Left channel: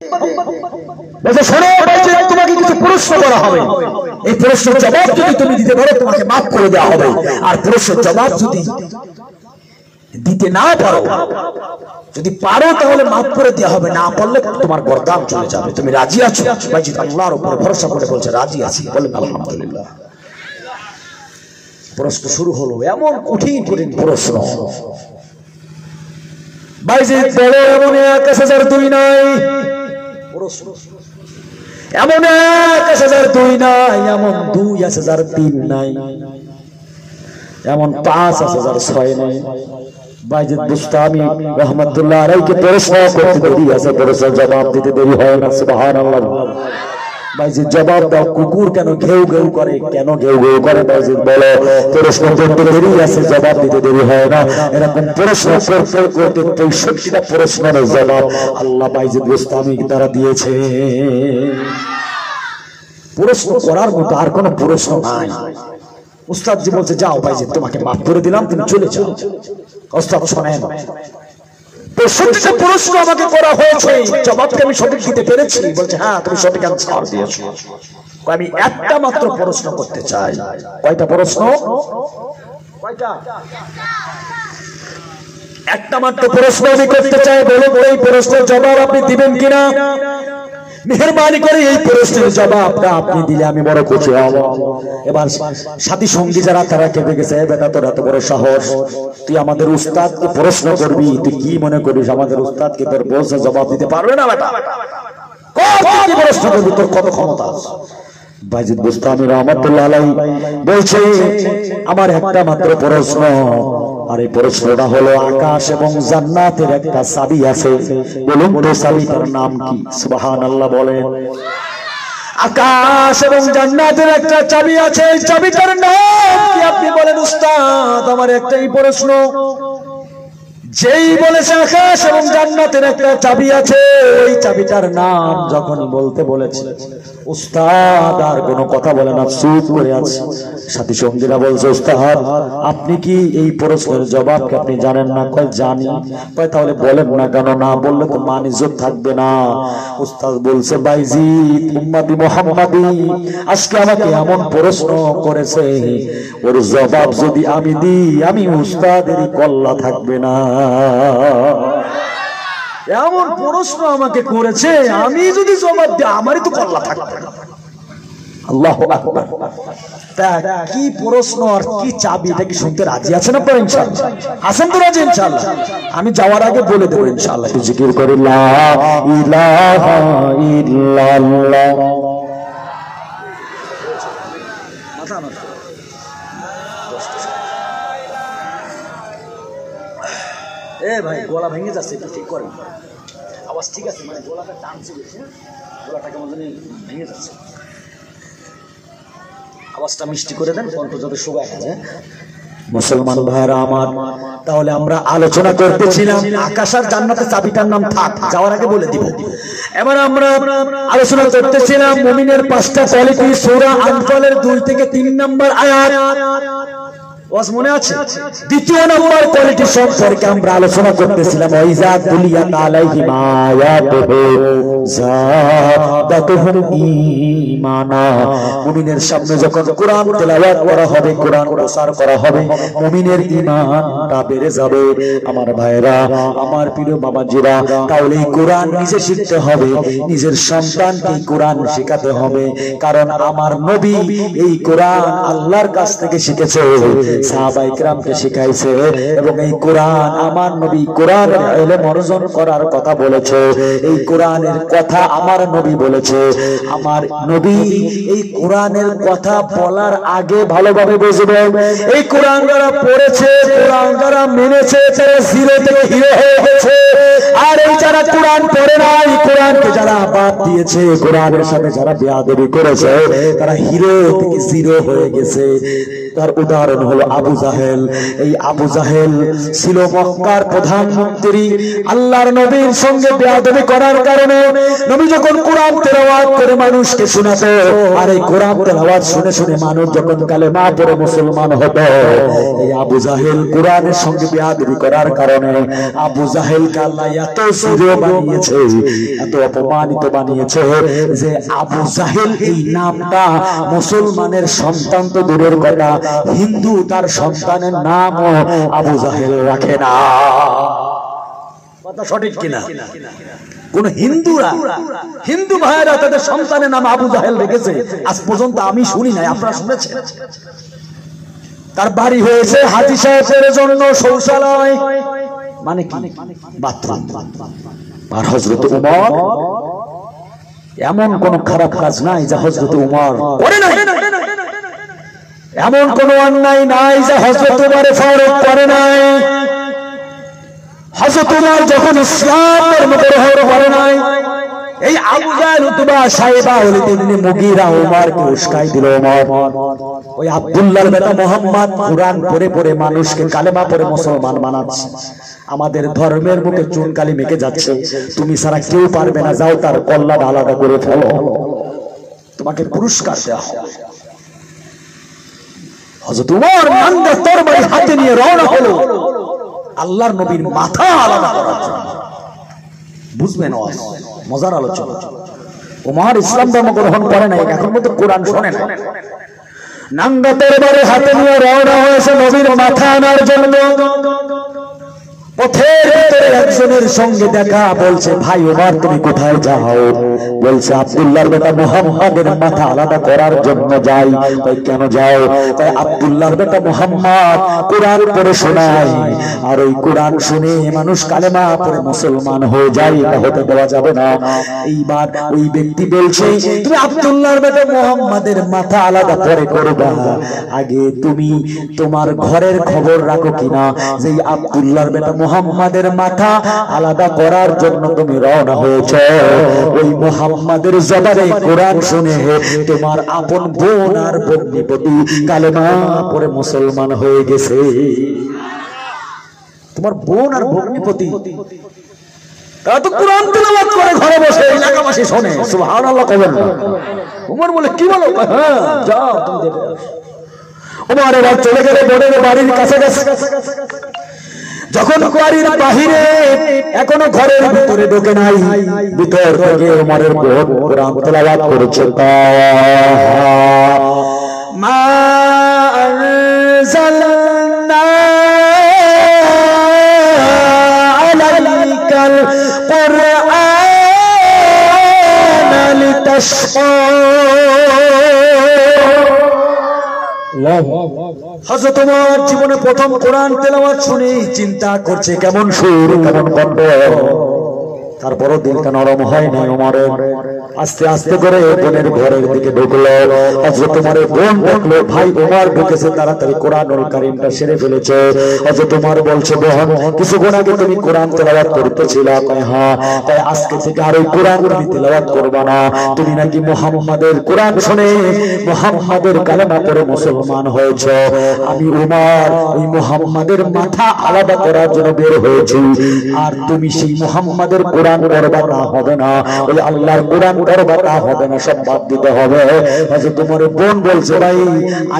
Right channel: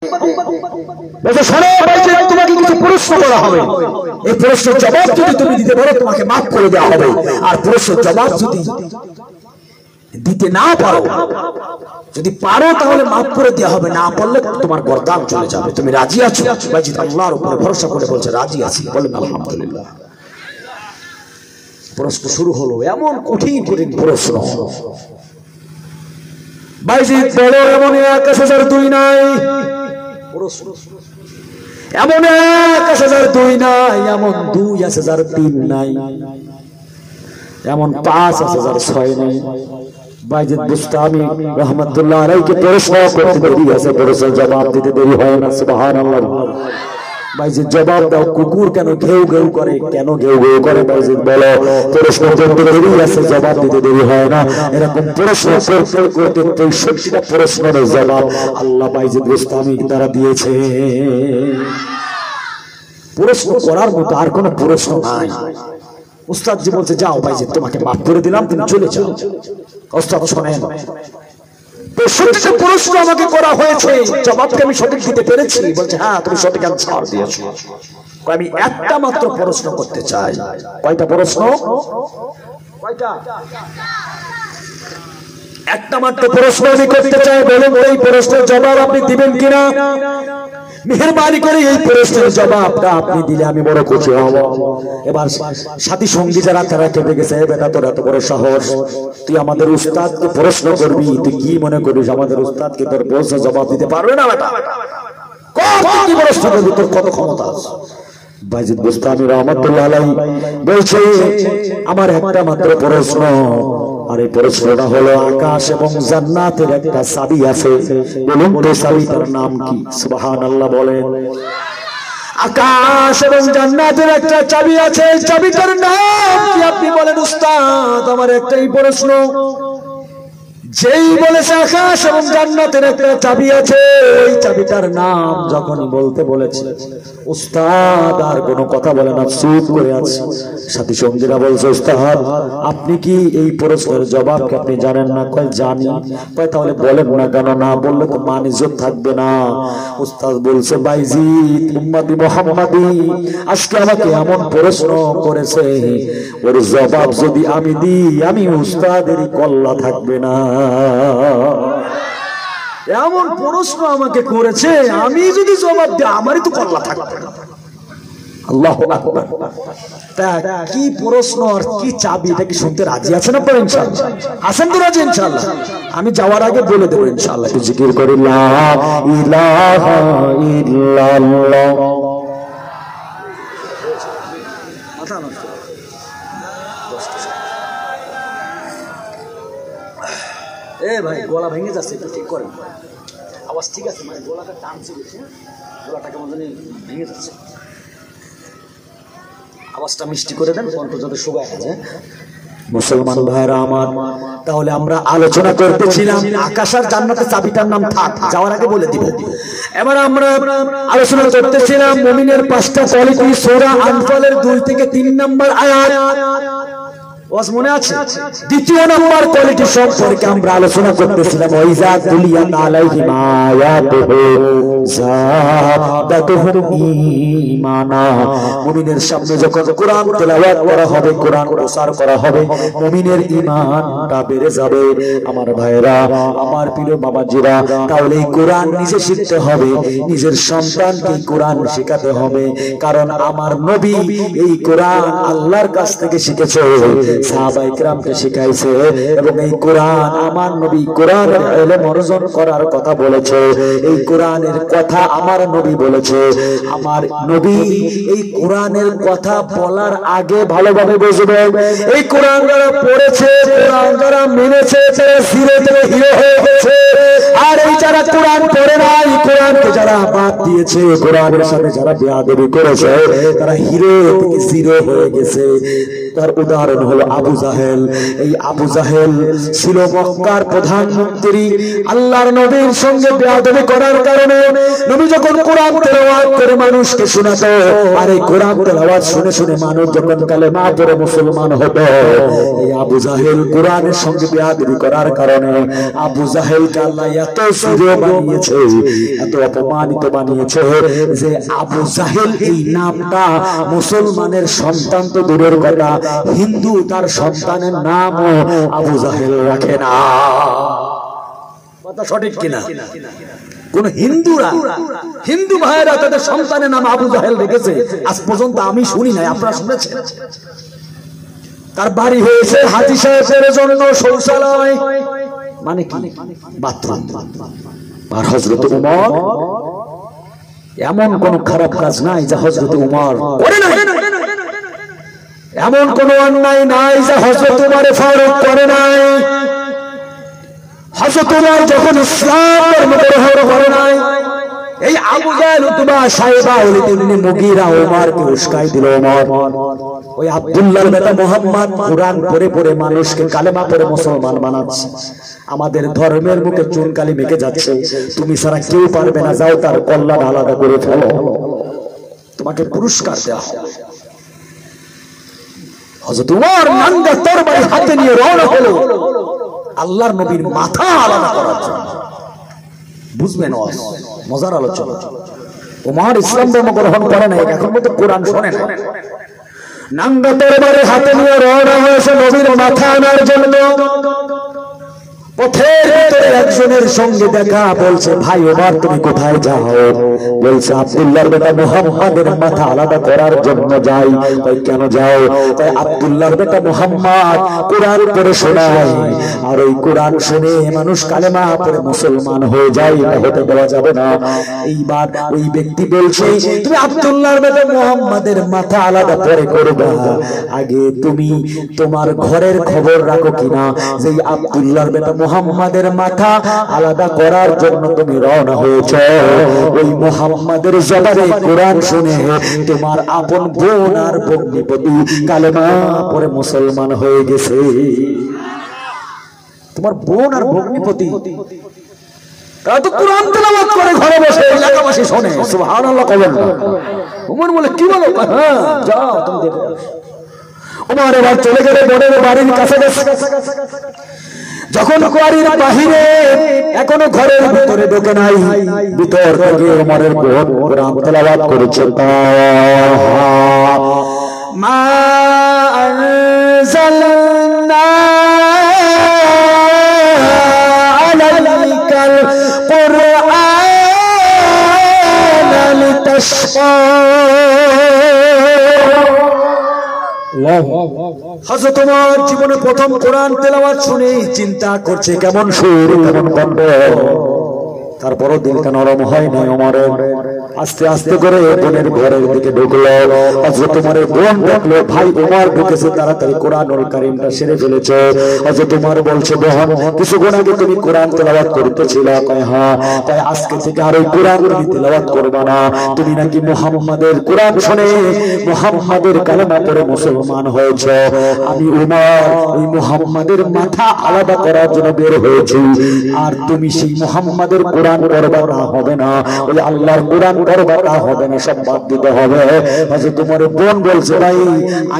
বলছে শোনো বলছে তোমাকে কিছু প্রশ্ন করা হবে, এই প্রশ্নের জবাব যদি তুমি দিতে পারো তোমাকে মাফ করে দেওয়া হবে, আর প্রশ্নের জবাব যদি দিতে না পারো, যদি পারো তাহলে মাফ করে দেওয়া হবে, না পারলে তোমার গর্দান চলে যাবে। তুমি রাজি আছো? বাজিদ আল্লাহর উপরে ভরসা করে বলছে রাজি আছি। বলেন আলহামদুলিল্লাহ। প্রশ্ন শুরু হলো, এমন কঠিন কঠিন প্রশ্ন। বাজিদ বলে এমন 1002 নাই, এমন 1002 নাই, এমন 2003 নাই, এমন 5006 নাই। বাজিদ বুস্তামি রহমাতুল্লাহ আলাইহি প্রশ্ন করতে দেরি আছে, প্রশ্নের জবাব দিতে দেরি হয় না। সুবহানাল্লাহ। বাজিদ জবাব দাও, কুকুর কেন ঘেউ ঘেউ করে? কেন ঘেউ ঘেউ করে? বাজিদ বলে প্রশ্ন করতে দেরি আছে, জবাব দিতে দেরি হয় না। এরকম প্রশ্ন করতে করতে 63টা প্রশ্নের জবাব আল্লাহ বাজিদ বুস্তামি দ্বারা দিয়েছে। প্রশ্ন করার মতো আর কোনো প্রশ্ন নাই। উস্তাদ জি বলছে যাও বাজিদ তোমাকে মাফ করে দিলাম, তুমি চলে যাও। উস্তাদ শোনেন, 65টা প্রশ্ন আমাকে করা হয়েছে, জবাবকে আমি সঠিক দিতে পেরেছি। বলছে হ্যাঁ তুমি সঠিক অ্যানসার দিয়েছো। আমি একটা মাত্র প্রশ্ন করতে চাই। কয়টা প্রশ্ন? কয়টা? একটা মাত্র প্রশ্ন আমি করতে চাই। বলুন এই প্রশ্নের জবাব আপনি দিবেন কিনা? মেহেরবানি করে এই প্রশ্নের জবাবটা আপনি দিলে আমি বড় খুশি হব। এবার সাথী সঙ্গী যারা তারা কেঁপে গেছে, বেটা তোর এত বড় সাহস, তুই আমাদের উস্তাদকে প্রশ্ন করবি? তুই কি মনে করিস আমাদের উস্তাদকে তোর প্রশ্নের জবাব দিতে পারবে না? বেটা কি প্রশ্ন করবি? তোর কত ক্ষমতা আছে? বাজিদ বুস্তামি রহমাতুল্লাহ আলাইহি বলছে আমার একটা মাত্র প্রশ্ন, আর এই প্রশ্নটা হলো আকাশ এবং জান্নাতের একটা চাবি আছে। বলুন তো চাবিটার নাম কি? সুবহানাল্লাহ বলেন। আকাশ এবং জান্নাতের একটা চাবি আছে, এই চাবিটার নাম কি আপনি বলেন? উস্তাদ আমার একটাই প্রশ্ন। যেই বলেছে আকাশ এবং জান্নাতের একটা চাবি আছে, ওই চাবিটার নাম যখন বলতে বলেছে উস্তাদ আর কোনো কথা বলে না, চুপ করে আছে। সাথী সঙ্গীরা বলছে উস্তাদ আপনি কি এই প্রশ্নের জবাব কি আপনি জানেন না? কয় জানি। কয় তাহলে বলেন না কেন? না বললে তো মান ইজ্জত থাকবে না। উস্তাদ বলছে বাইজিদ উম্মতি মুহাম্মাদি আজকে আমাকে এমন প্রশ্ন করেছে, ওর জবাব যদি আমি দিই আমি উস্তাদেরই কল্লা থাকবে না। এমন প্রশ্ন আমাকে করেছে, আমি যদি জবাব দিই আমারই তো কল্লা থাকবে না। আল্লাহু আকবার। কি প্রশ্ন আর কি চাবি, এটা কি শুনতে রাজি আছেন আপনারা? ইনশাআল্লাহ আছেন তো রাজি? ইনশাআল্লাহ আমি যাওয়ার আগে বলে দেব ইনশাআল্লাহ। একটু জিকির করি লা ইলাহা ইল্লাল্লাহ। এ ভাই গলা ভেঙে যাচ্ছে, এটা ঠিক করেন। আওয়াজ ঠিক আছে? মানে গলাটা টানছে বেশি, গলাটা কেমন জানি ভেঙে যাচ্ছে। আওয়াজটা মিষ্টি করে দেন, কণ্ঠ যাতে শুকায় যায়। মুসলমান ভাইরা আমার, তাহলে আমরা আলোচনা করতেছিলাম আকাশ আর জান্নাতের চাবিটার নাম থাক, যাওয়ার আগে বলে দিব। এবার আমরা আলোচনা করতেছিলাম মুমিনের 5টা কোয়ালিটি, সূরা আনফালের 2 থেকে 3 নম্বর আয়াত। ওয়াজ মনে আছে? দ্বিতীয় নম্বর কোয়ালিটি সম্পর্কে আমরা আলোচনা করতেছিলাম ওয়াইজা কুলিয়াত আলাইহিম আয়াতুহু যাদাতুহুম ঈমানা। মুমিনের সামনে যখন কোরআন তেলাওয়াত করা হবে, কোরআন প্রচার করা হবে, মুমিনের ঈমানটা বেড়ে যাবে। আমার ভাইরা, আমার প্রিয় বাবাজিরা, তাহলে এই কোরআন নিজে শিখতে হবে, নিজের সন্তানকে কোরআন শেখাতে হবে। কারণ আমার নবী এই কোরআন আল্লাহর কাছ থেকে শিখেছে, সাহাবায়ে কেরামকে শিখাইছে, এবং এই কোরআন আমার নবী কোরআনের ইলম অর্জন করার কথা বলেছে। এই কোরআনের কথা আমার নবী বলেছে। আমার নবী এই কোরআনের কথা বলার আগে ভালোভাবে বুঝবে, এই কোরআন যারা পড়েছে, কোরআন যারা মেনেছে, তারা জিরো থেকে হিরো হয়ে গেছে। আর এই যারা কোরআন পড়ে নাই, কোরআনকে যারা বাদ দিয়েছে, কোরআনের সাথে যারা বেয়াদবি করেছে, তারা হিরো থেকে জিরো হয়ে গেছে। তার উদাহরণ হলো আবু জাহেল। এই আবু জাহেল ছিল মক্কার প্রধানমন্ত্রী। আল্লাহর নবীর সঙ্গে বেয়াদবি করার কারণে নবী যখন কোরআন তেলাওয়াত করে মানুষকে শোনাতো, আর এই কোরআন তেলাওয়াত শুনে শুনে মানুষ যখন কালেমা পড়ে মুসলমান হতো, এই আবু জাহেল কোরআনের সঙ্গে বেয়াদবি করার কারণে আবু জাহেলকে ওকে আল্লাহ এত সুরে বানিয়েছে, এত অপমানিত বানিয়েছে যে আবু জাহেল এই নামটা মুসলমানের সন্তান তো দূরের কথা, হিন্দু তার সন্তানের নামও আবু জাহেল রাখে না। কথা সঠিক কিনা? কোন হিন্দুরা, হিন্দু ভাইরা তাদের সন্তানের নাম আবু জাহেল রেখেছে? আজ পর্যন্ত আমি শুনি নাই, আপনারা শুনেছেন? তার বাড়ি হয়েছে হাজী সাহেবের জন্য শৌচালয়, মানে কি বাথরুম। আর হযরত উমর এমন কোন খারাপ কাজ নাই যা হযরত উমর করে নাই, এমন কোন অন্যায় নাই যা হযরত উমর ফারুক করে নাই। হযরত উমর যখন ইসলাম গ্রহণ করে নাই, এই আবু জাহেল উতবা সাইবা ওয়ালিদ ইবনে মুগীরা ওমরকে উস্কাই দিল। ওমর ওই আব্দুল্লাহর বেটা মুহাম্মদ কুরআন পড়ে পড়ে মানুষকে কালেমা পড়ে মুসলমান বানাচ্ছে, আমাদের ধর্মের মুখে চুনকালি মেখে যাচ্ছে, তুমি ছাড়া কেউ পারবে না, যাও তার কল্লা আলাদা করে ফেলো, তোমাকে পুরস্কার দেওয়া হবে। হযরত উমর নাঙ্গা তরবারি হাতে নিয়ে রওনা হলো আল্লাহর নবীর মাথা আলাদা করার জন্য। বুঝবেন মজার আলোচনা। উমর ইসলাম ধর্ম গ্রহণ করে নাই, এখন মতো কোরআন শোনে না, নাঙ্গা তরবারি হাতে নিয়ে রওনা হয়েছে নবীর মাথা আনার জন্য। পথের ভিতরে একজনের সঙ্গে দেখা, বলছে ভাই ওমর তুমি কোথায় যাও? বলছে আব্দুল্লাহর বেটা মুহাম্মাদের মাথা আলাদা করার জন্য যাই। তাই কেন যাও? তাই আব্দুল্লাহর বেটা মুহাম্মদ কোরআন পড়ে শোনায়, আর ওই কোরআন শুনে মানুষ কালেমা পড়ে মুসলমান হয়ে যায়, এটা হতে দেওয়া যাবে না। এইবার ওই ব্যক্তি বলছে তুমি আব্দুল্লাহর বেটা মুহাম্মাদের মাথা আলাদা পরে করবা, আগে তুমি তোমার ঘরের খবর রাখো কিনা যে আব্দুল্লাহর বেটা মুহাম্মাদের মাথা আলাদা করার জন্য তুমি রওনা হয়েছে। ওই মুহাম্মাদের জবানে কোরআন শুনে তোমার আপন বোন আর ভগ্নিপতি কালেমা পড়ে মুসলমান হয়ে গেছে। তোমার বোন আর ভগ্নিপতি তারা তো কোরআন তেলাওয়াত করে ঘরে বসে, এলাকাবাসী শোনে, সুবহানাল্লাহ কবেন না। ওমর বলে কি বলো? হ্যাঁ যাও তুমি দেখো। ওমর এবার চলে গেলে বোনের বাড়ির কাছে গেছে, যখন বাড়ির বাহিরে এখনো ঘরের ভিতরে ঢোকে নাই, ভিতর থেকে ওমরের বোন কোরআন তেলাওয়াত করেছে। মা আনজালনা আলাইকাল কুরআনা লিতাশকা। হযরত ওমর জীবনে প্রথম কোরআন তেলাওয়াত শুনে চিন্তা করছে কেমন সুর কেমন কণ্ঠ, তারপরও দিলটা নরম হয় না ওমরের। আস্তে আস্তে করে বোনের ঘরের দিকে ঢুকলো। হযরত ওমরের বোন দেখলো ভাই ওমর ঢুকেছে, তাড়াতাড়ি কোরআনুল কারীমটা সেরে ফেলেছে। হযরত ওমর বলছে বোন কিছুক্ষণ আগে তুমি কোরআন তেলাওয়াত করতেছিলে, কয় হ্যাঁ, তাই আজকে থেকে আর ওই কোরআন তুমি তেলাওয়াত করবে না, তুমি নাকি মুহাম্মাদের কোরআন শুনে মুহাম্মাদের কালেমা পড়ে মুসলমান হয়েছে। আমি ওমর ওই মুহাম্মাদের মাথা আলাদা করার জন্য বের হয়েছি, আর তুমি সেই মুহাম্মাদের কোরআন পড়বা না, হবে না, বলে আল্লাহর কোরআন পড়বা তা হবে না, সব বাদ দিতে হবে। হযরত ওমরের বোন বলছে ভাই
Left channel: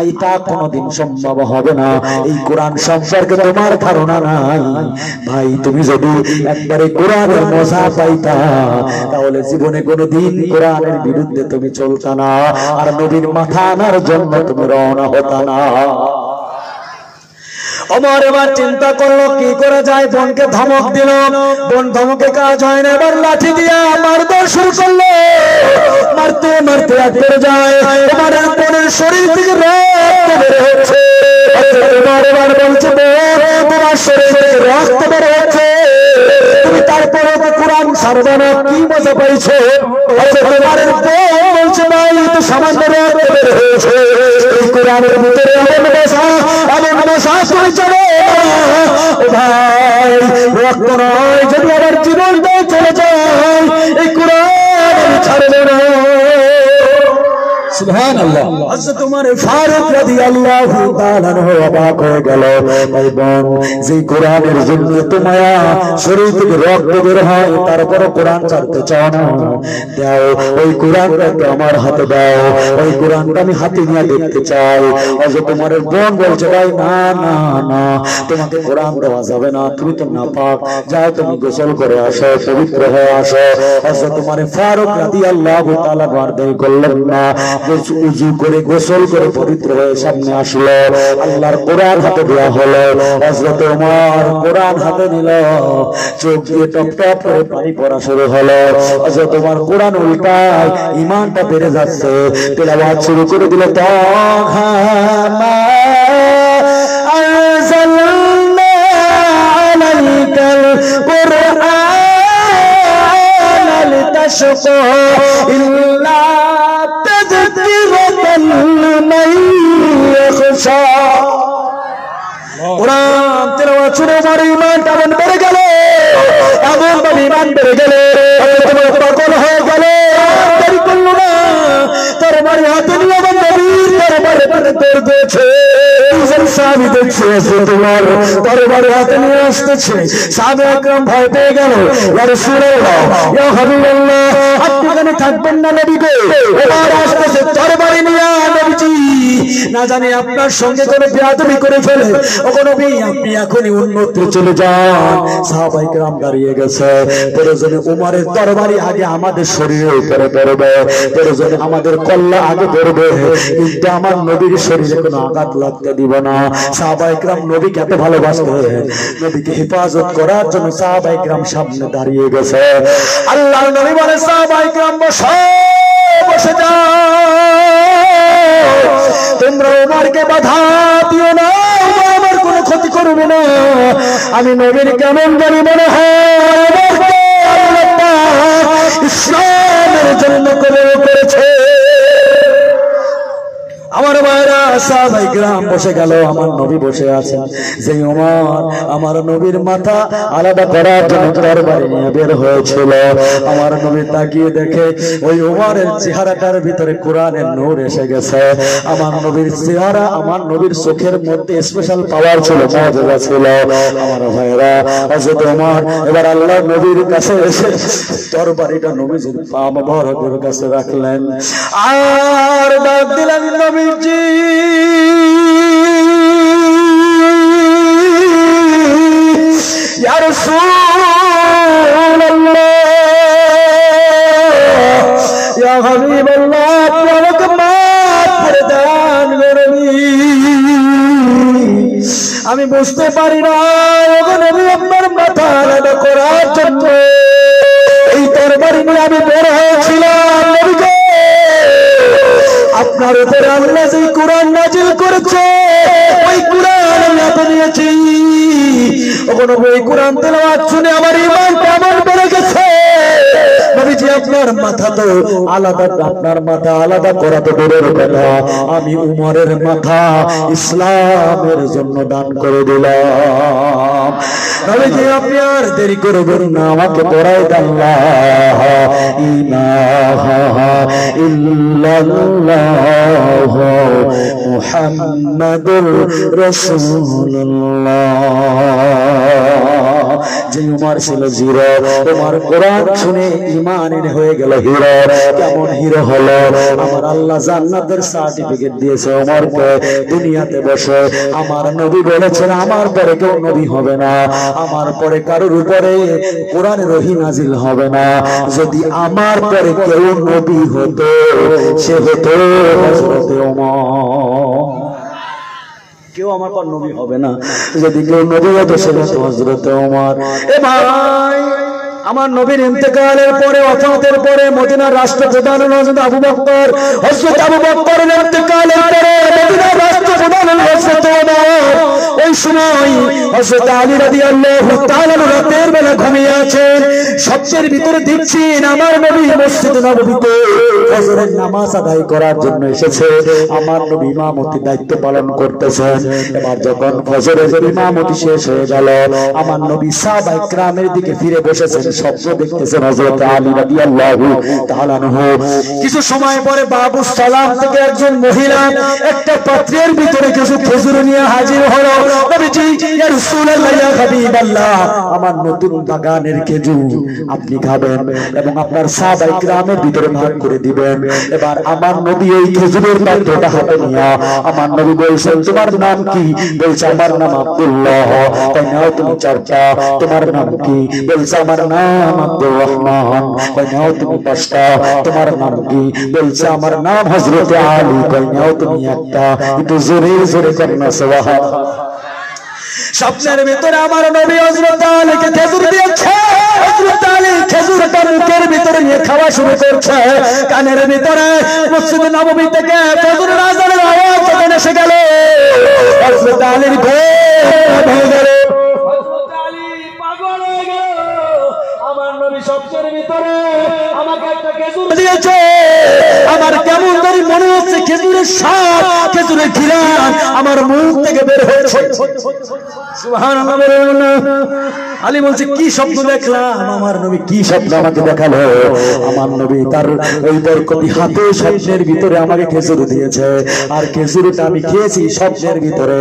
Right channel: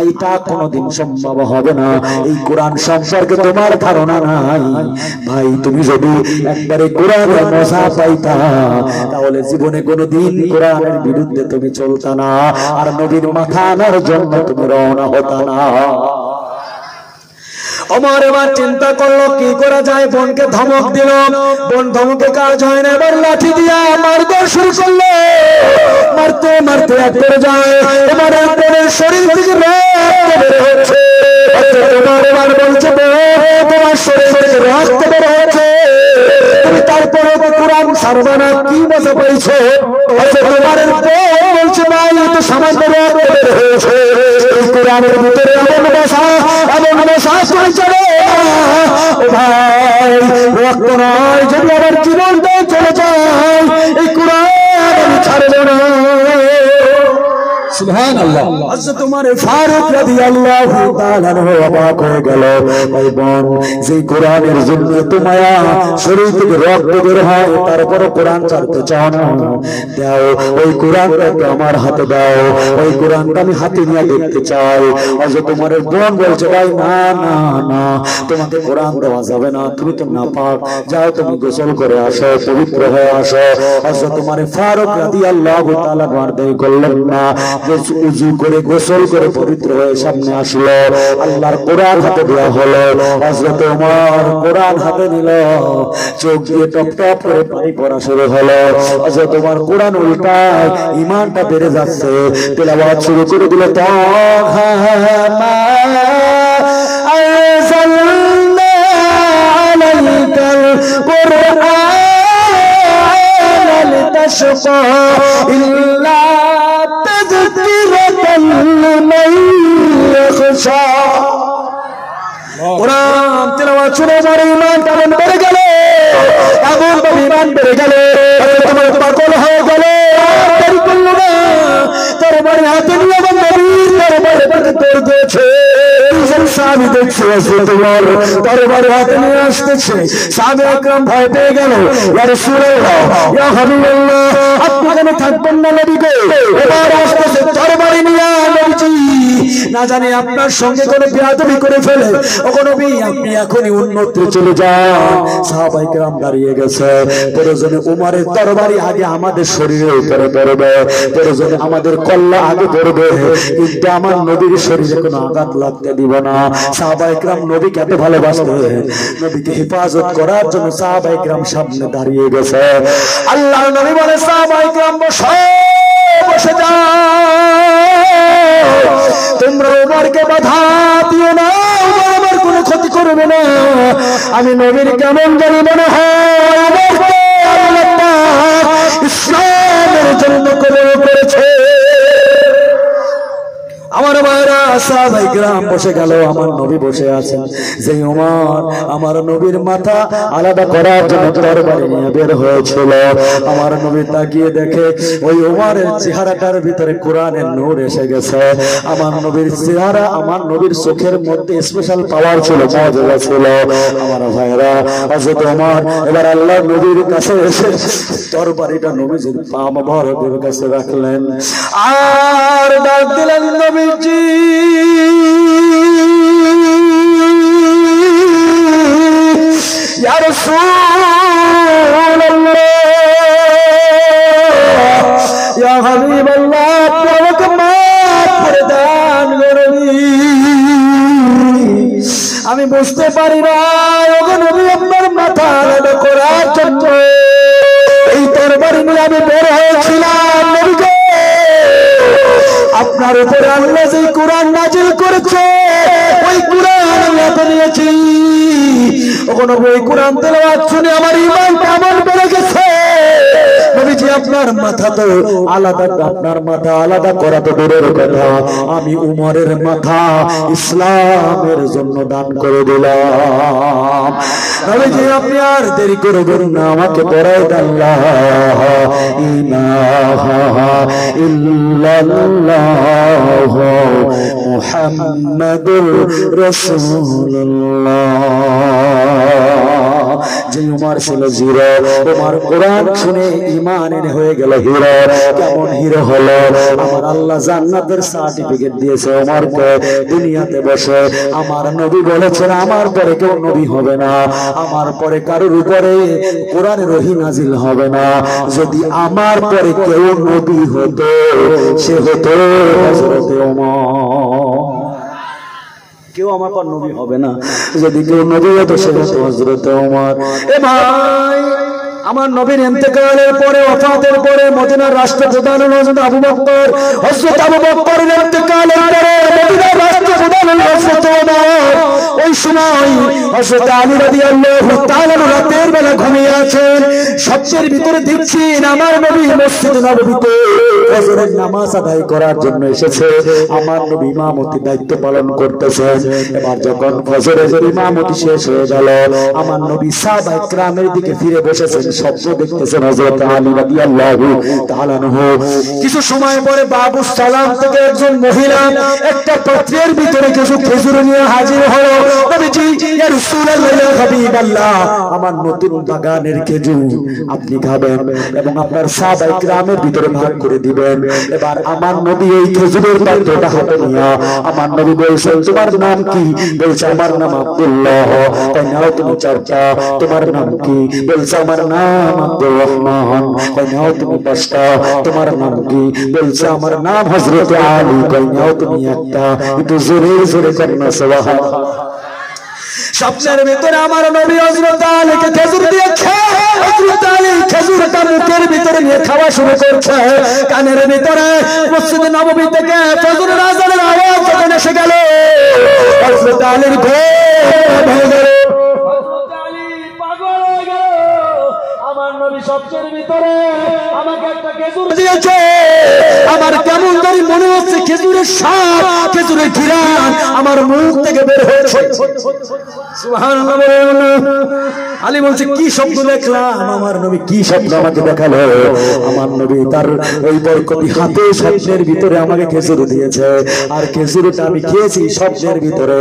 এইটা কোনোদিন সম্ভব হবে না, এই কোরআন সম্পর্কে তোমার ধারণা নাই ভাই, তুমি যদি একবারে কোরআনের মজা পাইতা তাহলে জীবনে কোনোদিন কোরআনের বিরুদ্ধে তুমি চলতা না, আর নবীর মাথা আনার জন্য তুমি রওনা হতা না। ওমর এবার চিন্তা করলো কি করা যায়, বোনকে ধমক দিল, বোন ধমকে কাজ হয় না, এবার লাঠি দিয়া মারতে শুরু করলো। মারতে মারতে একবার যায় ওমরের বোনের শরীর থেকে রক্ত বের হচ্ছে। এবার বলছে তোমার শরীর থেকে রক্ত বের হচ্ছে, তুমি তারপরে কোরআন ছাড়বে না, কি মজা পাইছো? তোমার বোন বলছে ভাই তো সামান্য রক্ত বের হয়েছে, এই কোরআনের ভিতরে এমন ভাষা চলে ভাই, রক্ত নয়, যদি আবার জীবন চলে যায় এই কোরআন আমি ছাড়বো না। সুবহানাল্লাহ। হযরত ওমর ফারুক রাদিয়াল্লাহু তাআলা অবাক হয়ে গেল, ভাই বোন, যে কোরআনের জন্য তোমায়া শরীর থেকে রক্ত বের হয়, তারপর কোরআন ছাড়তে চাও না, দাও ওই কোরআনটাকে আমার হাতে দাও, ওই কোরআনটা আমি হাতে নিয়ে দেখতে চাই। হযরত ওমরের বোন বলছে, ভাই না না না, তোমাকে কোরআন দেওয়া যাবে না, তুমি তো নাপাক, যাও তুমি গোসল করে আসো, পবিত্র হয়ে আসো। হযরত ওমর ফারুক রাদিয়াল্লাহু তাআলা দেরি করলেন না, উযু করে গোসল করে পবিত্র হয়ে সামনে আসলো, আল্লাহর কোরআন হাতে দেওয়া হলো। হযরত ওমর কোরআন হাতে নিল, চোখ দিয়ে টপ টপ করে পানি পড়া শুরু হলো। হযরত ওমর কোরআন উল্টায়, ঈমানটা বেড়ে যাচ্ছে, তেলাওয়াত শুরু করে দিল, তাহা মা আনজালনা আলাইকাল কুরআন লিতাশকা ইল্লা তাযকিরাতাল লিমান ইয়াখশা। কোরআন তেলাওয়াত শুনে আমার ঈমানটা বেড়ে গেল, এমন ভাবে ঈমান বেড়ে গেল, তোমার পাগল হয়ে গেল। দেরি করল না, তরবারি হাতে নিয়ে আমার নবীর দরবারে দৌড় দিয়েছে। সাহাবী দেখছে তোমার তরবারি হাতে নিয়ে আসতেছে, সাহাবা একরাম ভয় পেয়ে গেল, ইয়া রাসূলুল্লাহ, ইয়া হাবিবাল্লাহ, আপনি কেন থাকবেন না নবী গো? এবার আসতেছে তরবারি নিয়ে, নবীজি না জানি আপনার সঙ্গে কোনো বেয়াদবি করে ফেলে, ওগো নবী আপনি এখনই অন্যত্র চলে যান। সাহাবায়ে কেরাম দাঁড়িয়ে গেছে, প্রয়োজনে উমরের তরবারি আগে আমাদের শরীরে উপরে পড়বে, প্রয়োজনে আমাদের কল্লা আগে পড়বে, কিন্তু আমার নবীর শরীরে কোনো আঘাত লাগতে দিব না। সাহাবায়ে কেরাম নবীকে এত ভালোবাসতেন, নবীকে হেফাজত করার জন্য সাহাবায়ে কেরাম সামনে দাঁড়িয়ে গেছে। আল্লাহর নবী বলে, সাহাবায়ে কেরাম বসে যাও, তোমরা উমরকে বাধা দিও না, আমার কোনো ক্ষতি করবে না। আমি নবীর কেমন জানি মনে হয় ইসলামের জন্য কবর করেছে। আমার ভাইরা, সাহাবায়ে কেরাম বসে গেল, আমার নবী বসে আছেন। যে ওমর আমার নবীর মাথা আলাদা করার জন্য তরবারি নিয়ে বের হয়েছিল, আমার নবী তাকিয়ে দেখে ওই ওমরের চেহারাটার ভিতরে কোরআনের নূর এসে গেছে। আমার নবীর চেহারা, আমার নবীর চোখের মধ্যে স্পেশাল পাওয়ার ছিল, মুজিজা ছিল। আমার ভাইরা, হযরত ওমর এবার আল্লাহর নবীর কাছে এসে তরবারিটা নবীজির পা মোবারকের কাছে রাখলেন, আর ডাক দিলেন, নবীজি ইয়া রাসূলুল্লাহ, ইয়া হাবিবাল্লাহ, আপনি আমাকে মাফ করে দেন গো নবী, আমি বুঝতে পারি না ওগো নবী, আপনার মাথা আলাদা করার জন্য এই তরবারি নিয়ে আমি বের হয়েছিলাম। নবী গো, আপনার উপরে আল্লাহ যে কোরআন নাযিল করেছে, ওই কোরআন আল্লাহ নিয়েছি। ওগো নবী, এই কোরআন তেলাওয়াত শুনে আমার ঈমানটা আমার বেড়ে গেছে। নবীজি আপনার মাথা তো আলাদা, আপনার মাথা আলাদা করা তো দূরের কথা, আমি উমরের মাথা ইসলামের জন্য দান করে দিলাম। নবীজি আপনি আর দেরি করবেন না, আমাকে পড়াই দেন, লা ইলাহা ইল্লাল্লাহ মুহাম্মাদুর রাসূলুল্লাহ। যে উমর ছিল জিরো, তোমার কোরআন শুনে ঈমানের হয়ে গেল হিরো। কেমন হিরো হলো? আমার আল্লাহ জান্নাতের সার্টিফিকেট দিয়েছে উমরকে। দুনিয়াতে বসে আমার নবী বলেছেন, আমার পরে কেউ নবী হবে না, আমার পরে কারোর উপরে কোরআনের ওহী নাজিল হবে না। যদি আমার পরে কেউ নবী হতো, সে হতো হযরত ওমর। কেউ আমার পর নবী হবে না, যদি কেউ নবী হতো সে হতো হযরত ওমর। এ ভাই, আমার নবীর ইন্তেকালের পরে, ওফাতের পরে মদিনার রাষ্ট্রপ্রধান হযরত আবু বকর, হযরত আবু বকরের ইন্তেকালের পরে মদিনার রাষ্ট্রপ্রধান হযরত ওমর। ওই সময় হযরত আলী রাদিয়াল্লাহু তাআলা রাতের বেলা ঘুমিয়ে আছেন। স্বপ্নের ভিতরে দেখছেন আমার নবী মসজিদ নববীতে ফজরের নামাজ আদায় করার জন্য এসেছে। আমার নবী ইমামতি দায়িত্ব পালন করতেছেন। এবার যখন ফজরের ইমামতি শেষ হয়ে গেল, আমার নবী সাহাবায়ে কেরামের দিকে ফিরে বসেছেন। স্বপ্ন দেখতেছেন হযরত আলী রাদিয়াল্লাহু তাআলা আনহু। কিছু সময় পরে বাবু সালাম থেকে একজন মহিলা একটা পাত্রের ভিতরে কিছু খেজুর নিয়ে হাজির হলো। নবীজি, ইয়া রাসূলুল্লাহ, ইয়া হাবিবাল্লাহ, আমার নতুন বাগানের খেজুর আপনি খাবেন এবং আপনার সাহাবায়ে কেরামের ভিতরে ভাগ করে দিবেন। এবার আমার নবী ওই খেজুরের পাত্রটা হাতে নিয়ে আমার নবী বলছেন, তোমার নাম কি? বলছে, আমার নাম আব্দুল্লাহ। তাই নাও তুমি চারটা। তোমার নাম কি? বলছে, আমার নাম আব্দুর রহমান। তাই নাও তুমি পাঁচটা। তোমার নাম কি? বলছে, আমার নাম হযরত আলী। তাই নাও তুমি একটা। একটু জোরে জোরে কান্না সুবহানাল্লাহ। স্বপ্নের ভিতরে আমার নবী হযরত আলীকে খেজুর দিয়েছে। হযরত আলী খেজুরটা মুখের ভিতরে নিয়ে খাওয়া শুরু করছে। কানের ভিতরে মসজিদ নববী থেকে ফজরের আযানের আওয়াজ যখন এসে গেল, হযরত আলীর ঘুম ভেঙে গেল। হযরত আলী পাগল হয়ে গেল। আমার নবী স্বপ্নের ভিতরে আমাকে একটা খেজুর দিয়েছে। আমার কেমন জানি মনে হচ্ছে খেজুরের স্বাদ, খেজুরের ঘ্রাণ আমার মুখ থেকে বের হয়েছে। সুবহানাল্লাহ। আলী বলছে, কি স্বপ্ন দেখলাম? আমার নবী কি স্বপ্ন আমাকে দেখালো? আমার নবী তার ওই বরকতি হাতে স্বপ্নের ভিতরে আমাকে খেজুর দিয়েছে। আর খেজুরটা আমি খেয়েছি স্বপ্নের ভিতরে,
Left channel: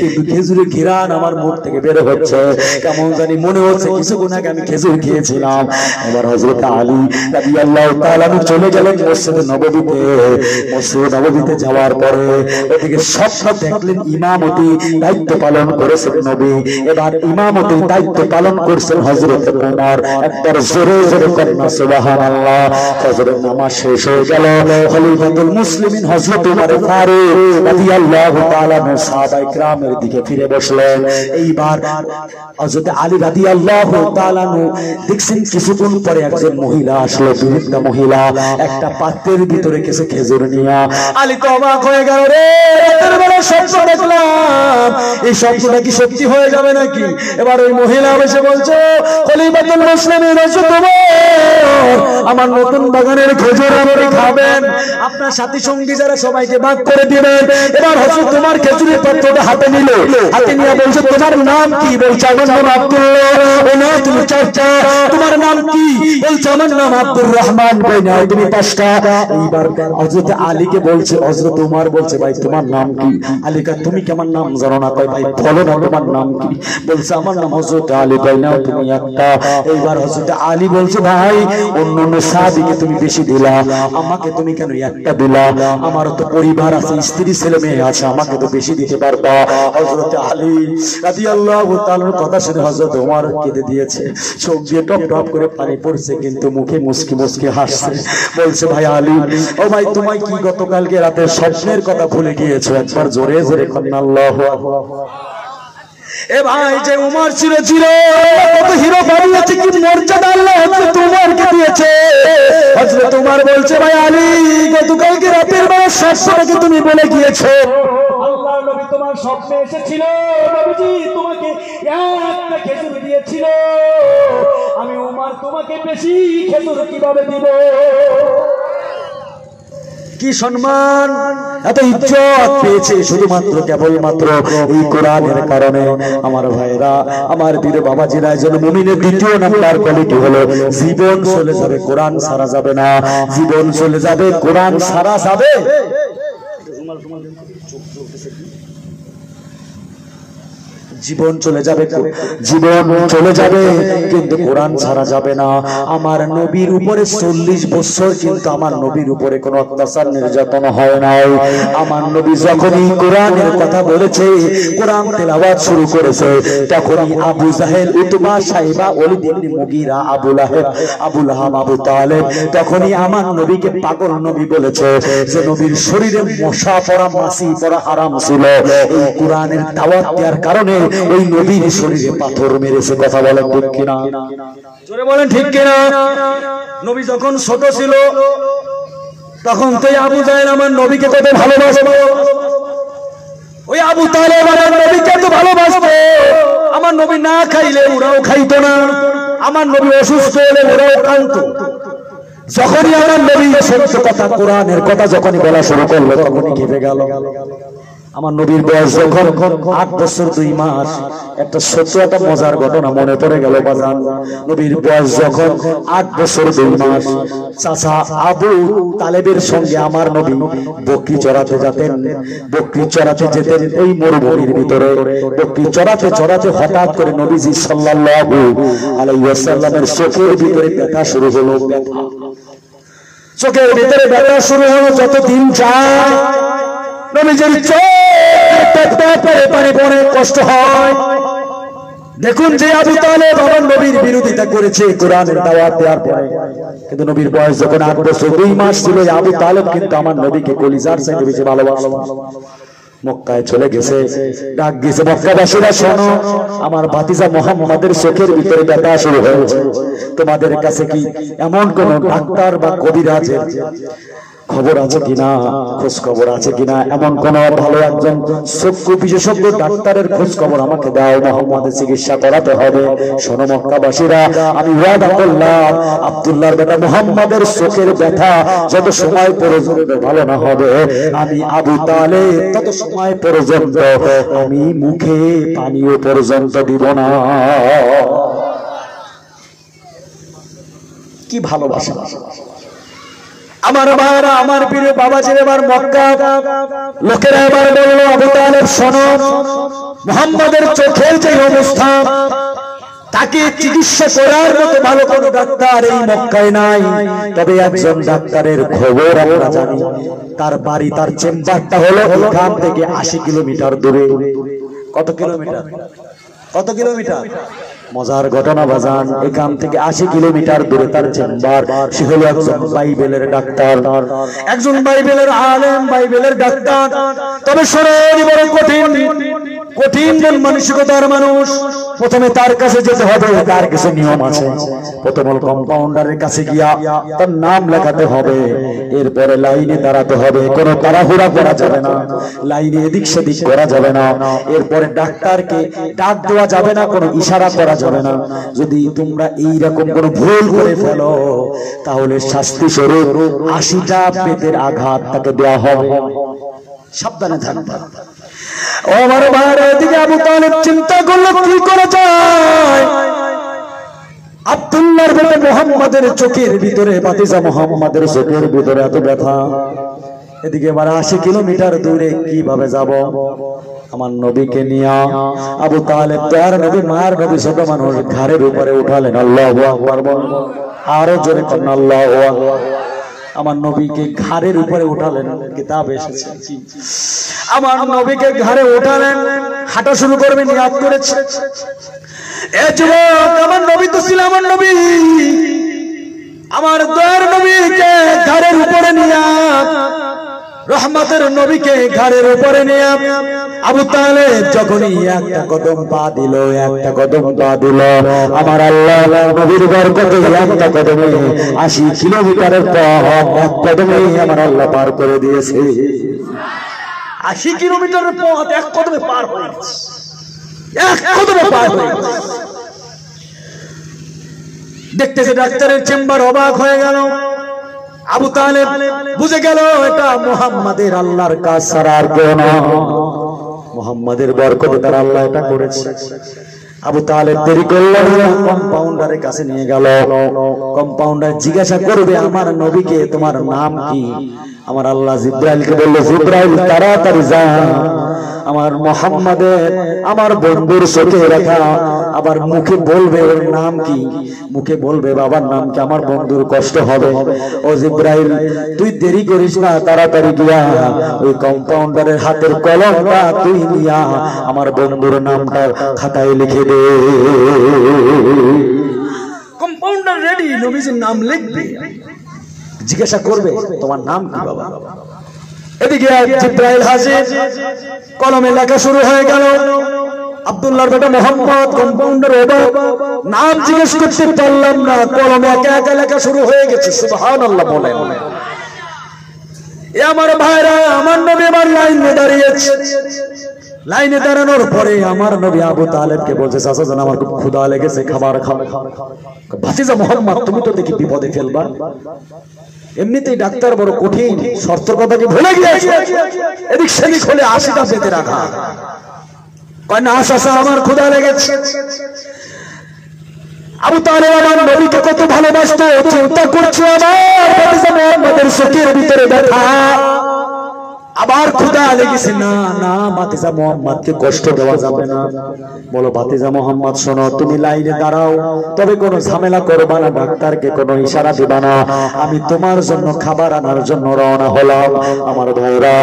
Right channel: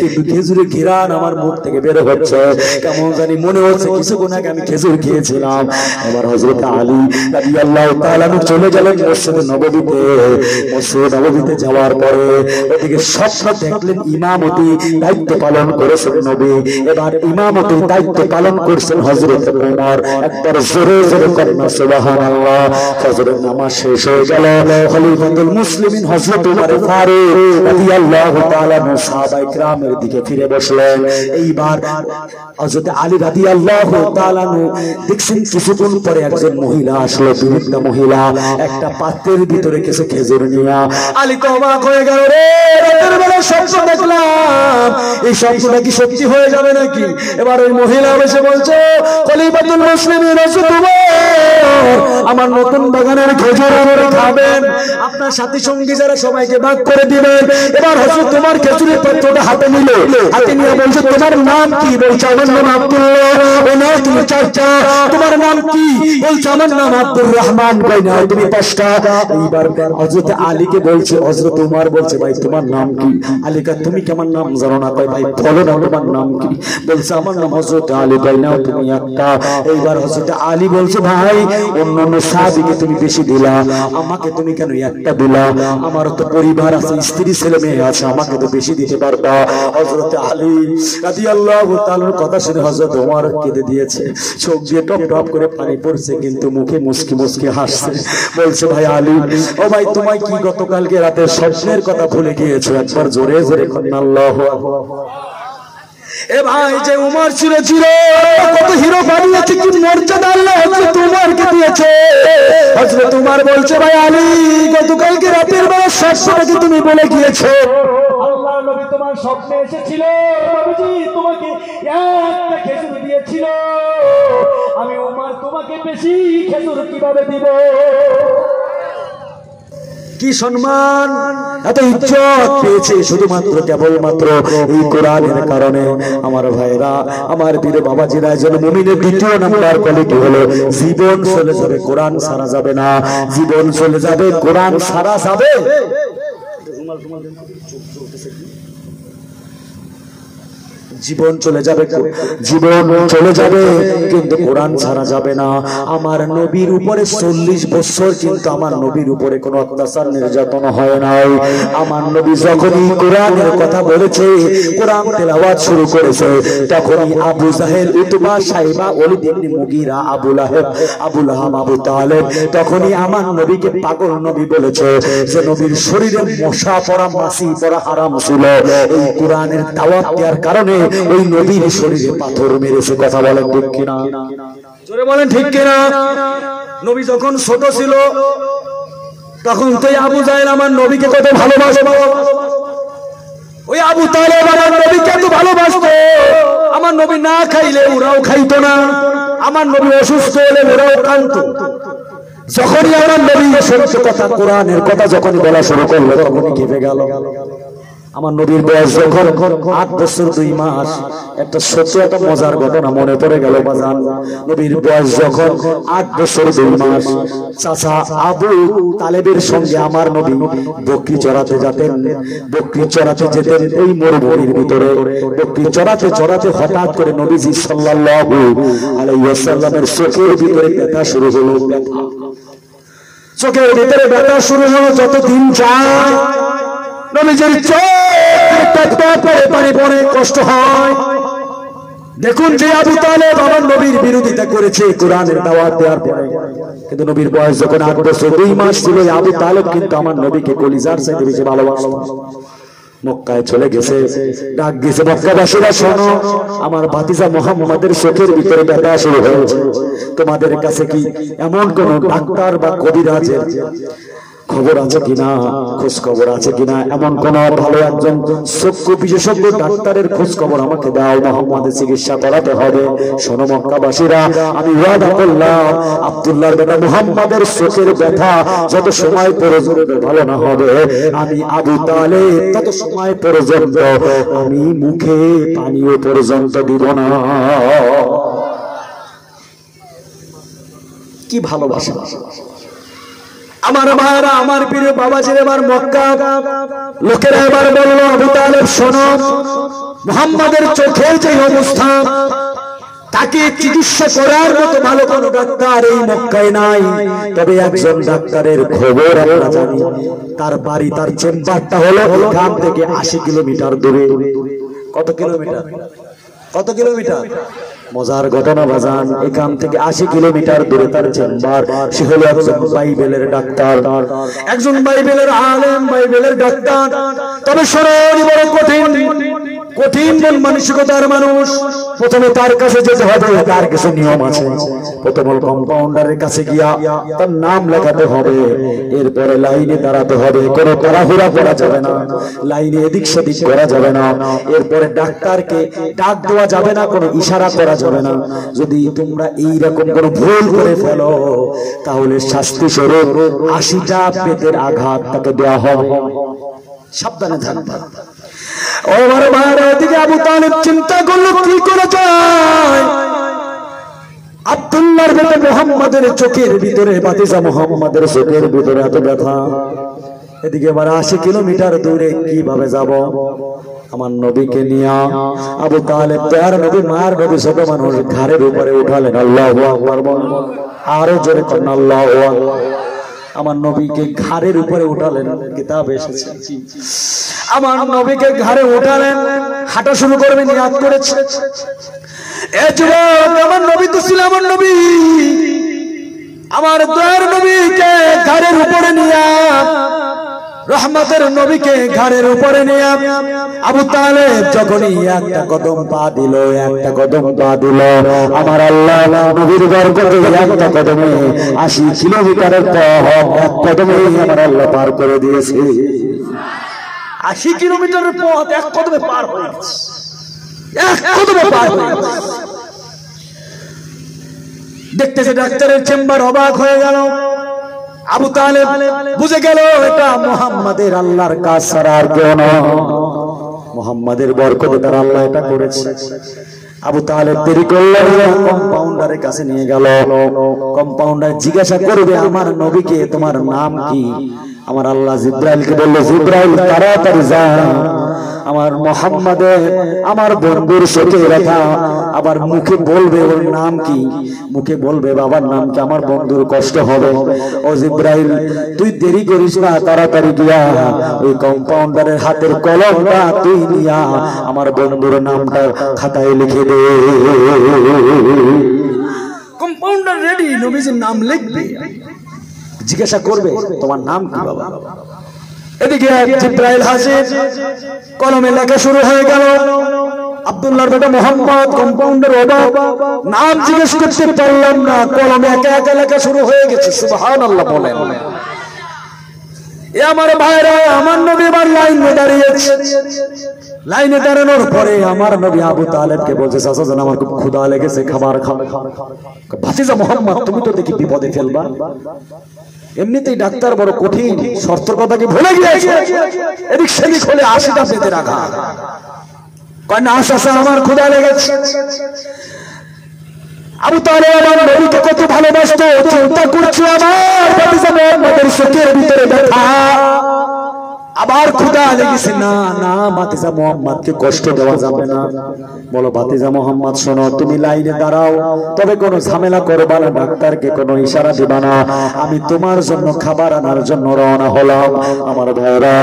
কিন্তু খেজুরের ঘ্রাণ আমার মুখ থেকে বের হচ্ছে। কেমন জানি মনে হচ্ছে কিছুক্ষণ আগে আমি খেজুর খেয়েছিলাম। এবার হযরত আলী রাদিয়াল্লাহু তাআলা চলে গেলেন মসজিদ নববীতে। মসজিদ নববীতে যাওয়ার পরে ওদিকে স্বপ্ন দেখলেন ইমামতি দায়িত্ব পালন করেছেন নবী। এবার ইমামতির দায়িত্ব পালন করছেন হযরত ওমর। একবার জোরে জোরে কান্না সুবহানাল্লাহ। ফজরের নামাজ শেষ হয়ে গেল। খলিফাতুল মুসলিমিন হযরত ওমর ফারুক রাদিয়াল্লাহু তাআলা সাহাবায়ে কেরামের দিকে ফিরে বসলেন। এইবার হযরত আলী রাদিয়াল্লাহু তাআলা দেখছেন কিছুক্ষণ পরে একজন মহিলা আসলো, বৃদ্ধা মহিলা, একটা পাত্রের ভিতরে কিছু খেজুর নিয়ে। আলী তো অবাক হয়ে গেল, রে রাতের বেলা স্বপ্ন দেখলাম, এই স্বপ্নটা কি সত্যি হয়ে যাবে নাকি? এবার ওই মহিলা এসে বলছে, খলিফাতুল মুসলিমিন হযরত ওমর, আমার নতুন বাগানের খেজুর আপনি খাবেন, আপনার সাথী সঙ্গী যারা সবাইকে ভাগ করে দিবেন। এবার হযরত তোমার খেজুরের পাত্রটা হাতে নিল, হাতে নিয়ে বলছে, তোমার নাম কি? বলছে, আমার নাম আব্দুল্লাহ। ও না, তুমি চারটা। তোমার নাম কি? বলছে, আমার নাম আব্দুর রহমান। কই না, তুমি পাঁচটা। এইবার হযরত আলীকে বলছে, হযরত ওমর বলছে, ভাই তোমার নাম কি? আলী কয়, তুমি কি আমার নাম জানো না? কয়, ভাই বলো না তোমার নাম কি? বলছে, আমার নাম হযরত আলী। কই না, তুমি একটা। এইবার হযরত আলী বলছে, ভাই অন্যান্য সাহাবীকে তুমি বেশি দিলা, আমাকে তুমি কেন একটা দিলা? আমার তো পরিবার আছে, স্ত্রী ছেলে মেয়ে আছে, আমাকে তো বেশি দিতে পারতা। হযরত আলী রাদিয়াল্লাহু তাআলার কথা শুনে হযরত ওমর কেঁদে দিয়েছে। চোখ দিয়ে টপ টপ করে পানি পড়ছে, কিন্তু মুখে মুস্কি মুস্কি হাসছে। বলছে, ভাই আলী, ও ভাই তোমায় কি গতকালকে রাতে স্বপ্নের কথা ভুলে গিয়েছো? একবার জোরে জোরে কান্না আল্লাহু আকবার। এ ভাই, যে উমর ছিল কত হিরো বানিয়েছে, কি মর্যাদা আল্লাহ হযরত উমরকে দিয়েছে। হযরত উমর বলছে, ভাই আলী, গতকালকে রাতের বেলা স্বপ্নটাকে তুমি বলে গিয়েছো। আল্লাহর নবী তোমার স্বপ্নে এসেছিল, নবীজি তোমাকে একটা খেজুর দিয়েছিল। আমি উমর তোমাকে বেশি খেজুর কিভাবে দিব? কি সম্মান, এত ইজ্জত পেয়েছে শুধুমাত্র কেবলমাত্র এই কোরআনের কারণে। আমার ভাইরা, আমার বীর বাবাজিরা, একজন মুমিনের দ্বিতীয় নাম্বার কোয়ালিটি হলো জীবন চলে যাবে, কোরআন সারা যাবে না। জীবন চলে যাবে, কোরআন সারা যাবে। জীবন চলে যাবে, জীবন চলে যাবে, কিন্তু কোরআন ছাড়া যাবে না। আমার নবীর উপরে 40 বছর কিন্তু আমার নবীর উপরে কোনো অত্যাচার নির্যাতন হয় নাই। আমার নবী যখনই কোরআনের কথা বলেছে, কোরআন তেলাওয়াত শুরু করেছে, তখনই আবু জাহেল, উতবা, সাইবা, ওলীদ ইবনে মুগীরা, আবু লাহাব, আবু তালেব, তখনই আমার নবীকে পাগল নবী বলেছে যে নবীর শরীরে মশা পড়া, মাছি পড়া হারাম ছিল। এই কোরআনের দাওয়াত দেওয়ার কারণে ওই নবীর শরীরে পাথর মেরেছে। কথা বলেন ঠিক কিনা? জোরে বলেন ঠিক কিনা? নবী যখন ছোট ছিল তখন তো আবু জাহেল আমার নবীকে কত ভালোবাসে। ওই আবু তালেব আমার নবীকে এত ভালোবাসতো, আমার নবী না খাইলে ওরাও খাইতো না, আমার নবী অসুস্থ হলে ওরাও কাঁদতো। যখনই আমার নবী সত্য কথা কোরআনের কথা যখনই বলা শুরু করলো তখনই কেঁপে গেল। আমার নবীর বয়স যখন 8 বছর 2 মাস, একটা সত্য একটা মজার ঘটনা মনে পড়ে গেল বাজান। নবীর বয়স যখন 8 বছর 2 মাস, চাচা আবু তালেবের সঙ্গে আমার নবী বকরি চড়াতে যেতেন। বকরি চড়াতে যেতেন এই মরুভূমির ভিতরে। বকরি চড়াতে চড়াতে হঠাৎ করে নবীজি সাল্লাল্লাহু আলাইহি ওয়াসাল্লামের চোখের ভিতরে ব্যথা শুরু হলো। ব্যথা, চোখের ভিতরে ব্যথা শুরু হলো। যত দিন যায় নবীজির চোখ পানি পড়ে, কষ্ট হয়। দেখুন যে আবু তালেব আমার নবীর বিরোধিতা করেছে কোরআনের দাওয়াত দেওয়ার পরে, কিন্তু নবীর বয়স যখন 8 বছর 2 মাস ছিল, আবু তালেব কিন্তু আমার নবীকে কলিজার চাইতে বেশি ভালোবাসে। মক্কায় চলে গেছে, ডাক দিয়েছে, মক্কাবাসীরা শোনো, আমার ভাতিজা মুহাম্মাদের চোখের ভিতরে ব্যথা শুরু হয়েছে। তোমাদের কাছে কি এমন কোন ডাক্তার বা কবিরাজের খবর আছে কিনা, খোঁজ খবর আছে কিনা? এমন কোন ভালো একজন চক্ষু বিশেষজ্ঞ ডাক্তারের খোঁজ খবর আমাকে দাও, মুহাম্মাদের চিকিৎসা করাতে হবে। শোনো মক্কাবাসীরা, আমি ওয়াদা করলাম আব্দুল্লাহর বেটা মুহাম্মাদের চোখের ব্যথা যত সময় পর্যন্ত ভালো না হবে, আমি আবু তালেব তত সময় পর্যন্ত আমি মুখে পানীয় পর্যন্ত দিব না। কি ভালোবাসা আমার ভাইরা, আমার প্রিয় বাবাজির। এবার মক্কা লোকেরা এবার বললো, আবু তালেব শোনো, মুহাম্মাদের চোখের যে অবস্থা, তাকে চিকিৎসা করার মতো ভালো কোনো ডাক্তার এই মক্কায় নাই। তবে একজন ডাক্তারের খবর আমরা জানি, তার বাড়ি, তার চেম্বারটা হলো এখান থেকে 80 কিলোমিটার দূরে। কত কিলোমিটার? কত কিলোমিটার? মজার ঘটনা বাজান, এখান থেকে 80 কিলোমিটার দূরে তার চেম্বার। সে হলো একজন বাইবেলের ডাক্তার, একজন বাইবেলের আলেম, বাইবেলের ডাক্তার। তবে শরীর বড় কঠিন, কঠিন মন মানসিকতার মানুষ। প্রথমে তার কাছে যেতে হবে, তার কিছু নিয়ম আছে। প্রথমে কম্পাউন্ডারের কাছে গিয়া তার নাম লেখাতে হবে, এরপরে লাইনে দাঁড়াতে হবে। কোনো তাড়াহুড়া করা যাবে না, লাইনে এদিক সেদিক করা যাবে না। এরপরে ডাক্তারকে ডাক দেওয়া যাবে না, কোনো ইশারা করা যাবে না। যদি তোমরা এইরকম কোনো ভুল করে ফেলো তাহলে শাস্তি স্বরূপ 80টা পেটের আঘাত তাকে দেওয়া হবে। সাবধানে থাকবে। ও আমার ভাইরা, এদিকে আবু তালেব চিন্তা করলো কি করা যায়। আব্দুল্লাহর বেটা মুহাম্মাদের চোখের ভিতরে, ভাতিজা মুহাম্মাদের চোখের ভিতরে এত ব্যথা, এদিকে আবার 80 কিলোমিটার দূরে কিভাবে যাব? আমার নবীকে নিয়ে আবু তালেব তার নবী, মার নবী, ছোট মানুষ, ঘাড়ের উপরে উঠালেন। আল্লাহু আকবার, আরো জোরে করেন আল্লাহু আকবার। আমার নবীকে ঘাড়ের উপরে উঠালেন, কিতাব এসেছে আমার নবীকে ঘাড়ে উঠালেন, হাঁটা শুরু করবে, নিয়াত করেছে। এ যুবক, আমার নবী তো ছিল আমার নবী, আমার দয়ার নবীকে ঘাড়ের উপরে নিয়ে, রহমতের নবীকে ঘাড়ের উপরে নিয়ে আবু তালেব যখনই একটা কদম পা দিল, একটা কদম পা দিল, আমার আল্লাহ নবীর বরকতে একটা কদমে 80 কিলোমিটারের পথ এক কদমে আমার আল্লাহ পার করে দিয়েছে। 80 কিলোমিটারের পথ এক কদমে পার হয়ে গেছে, এক কদমে পার হয়ে গেছে। দেখতেছে ডাক্তারের চেম্বার অবাক হয়ে গেল। আবু তালেব বুঝে গেল এটা মুহাম্মাদের আল্লাহর কাজ ছাড়া আর কেউ না, মুহাম্মাদের বরকতে তার আল্লাহ এটা করেছে। আবু তালেব দেরি করলেন, কম্পাউন্ডারের কাছে নিয়ে গেল। কম্পাউন্ডার জিজ্ঞাসা করবে, আমার নবীকে তোমার নাম কি? আমার আল্লাহ জিব্রাইলকে বলল, জিব্রাইল তাড়াতাড়ি যা, আমার মুহাম্মাদের, আমার বন্ধুর চোখে রাখা। আবার মুখে বলবে ওর নাম কি, মুখে বলবে বাবার নাম কি, আমার বন্ধুর কষ্ট হবে। ও জিব্রাইল, তুই দেরি করিস না, তাড়াতাড়ি গিয়া ওই কম্পাউন্ডারের হাতের কলমটা তুই নিয়া আমার বন্ধুর নামটা খাতায় লিখে দে। কম্পাউন্ডার রেডি, নবীজির নাম লিখবে, জিজ্ঞাসা করবে তোমার নাম কি বাবা। এদিকে জিব্রাইল হাজির, কলমে লেখা শুরু হয়ে গেল। আব্দুল্লাহর বেটা মুহাম্মদ, কম্পাউন্ডার অবাক, নাম জিজ্ঞেস করতে পারলাম না, কলমে একা একা লেখা শুরু হয়ে গেছে। সুবহানাল্লাহ বলেন। এ আমার ভাইরা, আমার নবী আমার লাইনে দাঁড়িয়েছে। লাইনে দাঁড়ানোর পরে আমার নবী আবু তালেবকে বলছে, চাচা জান আমার খুব ক্ষুধা লেগেছে, খাবার খাও। ভাতিজা মোহাম্মদ তুমি তো দেখি বিপদে ফেলবা, এমনিতেই ডাক্তার বড় কঠিন, শর্তের কথা কি ভুলে গিয়েছে? এদিক সেদিক হলে 80টা পেতে রাখা। কয় না চাচা আমার ক্ষুধা লেগেছে। আবু তালেব আমার নবীকে কত ভালোবাসতো, চিন্তা করছো আমার ভাতিজা মোহাম্মদের চোখের ভিতরে দেখা, আবার ক্ষুধা লেগেছে। না না ভাতিজা মোহাম্মদকে কষ্ট দেওয়া যাবে না। বলো ভাতিজা মোহাম্মদ শোনো, তুমি লাইনে দাঁড়াও, তবে কোনো ঝামেলা করবা না, ডাক্তারকে কোনো ইশারা দিবা না, আমি তোমার জন্য খাবার আনার জন্য রওনা হলাম। আমার ভাইরা,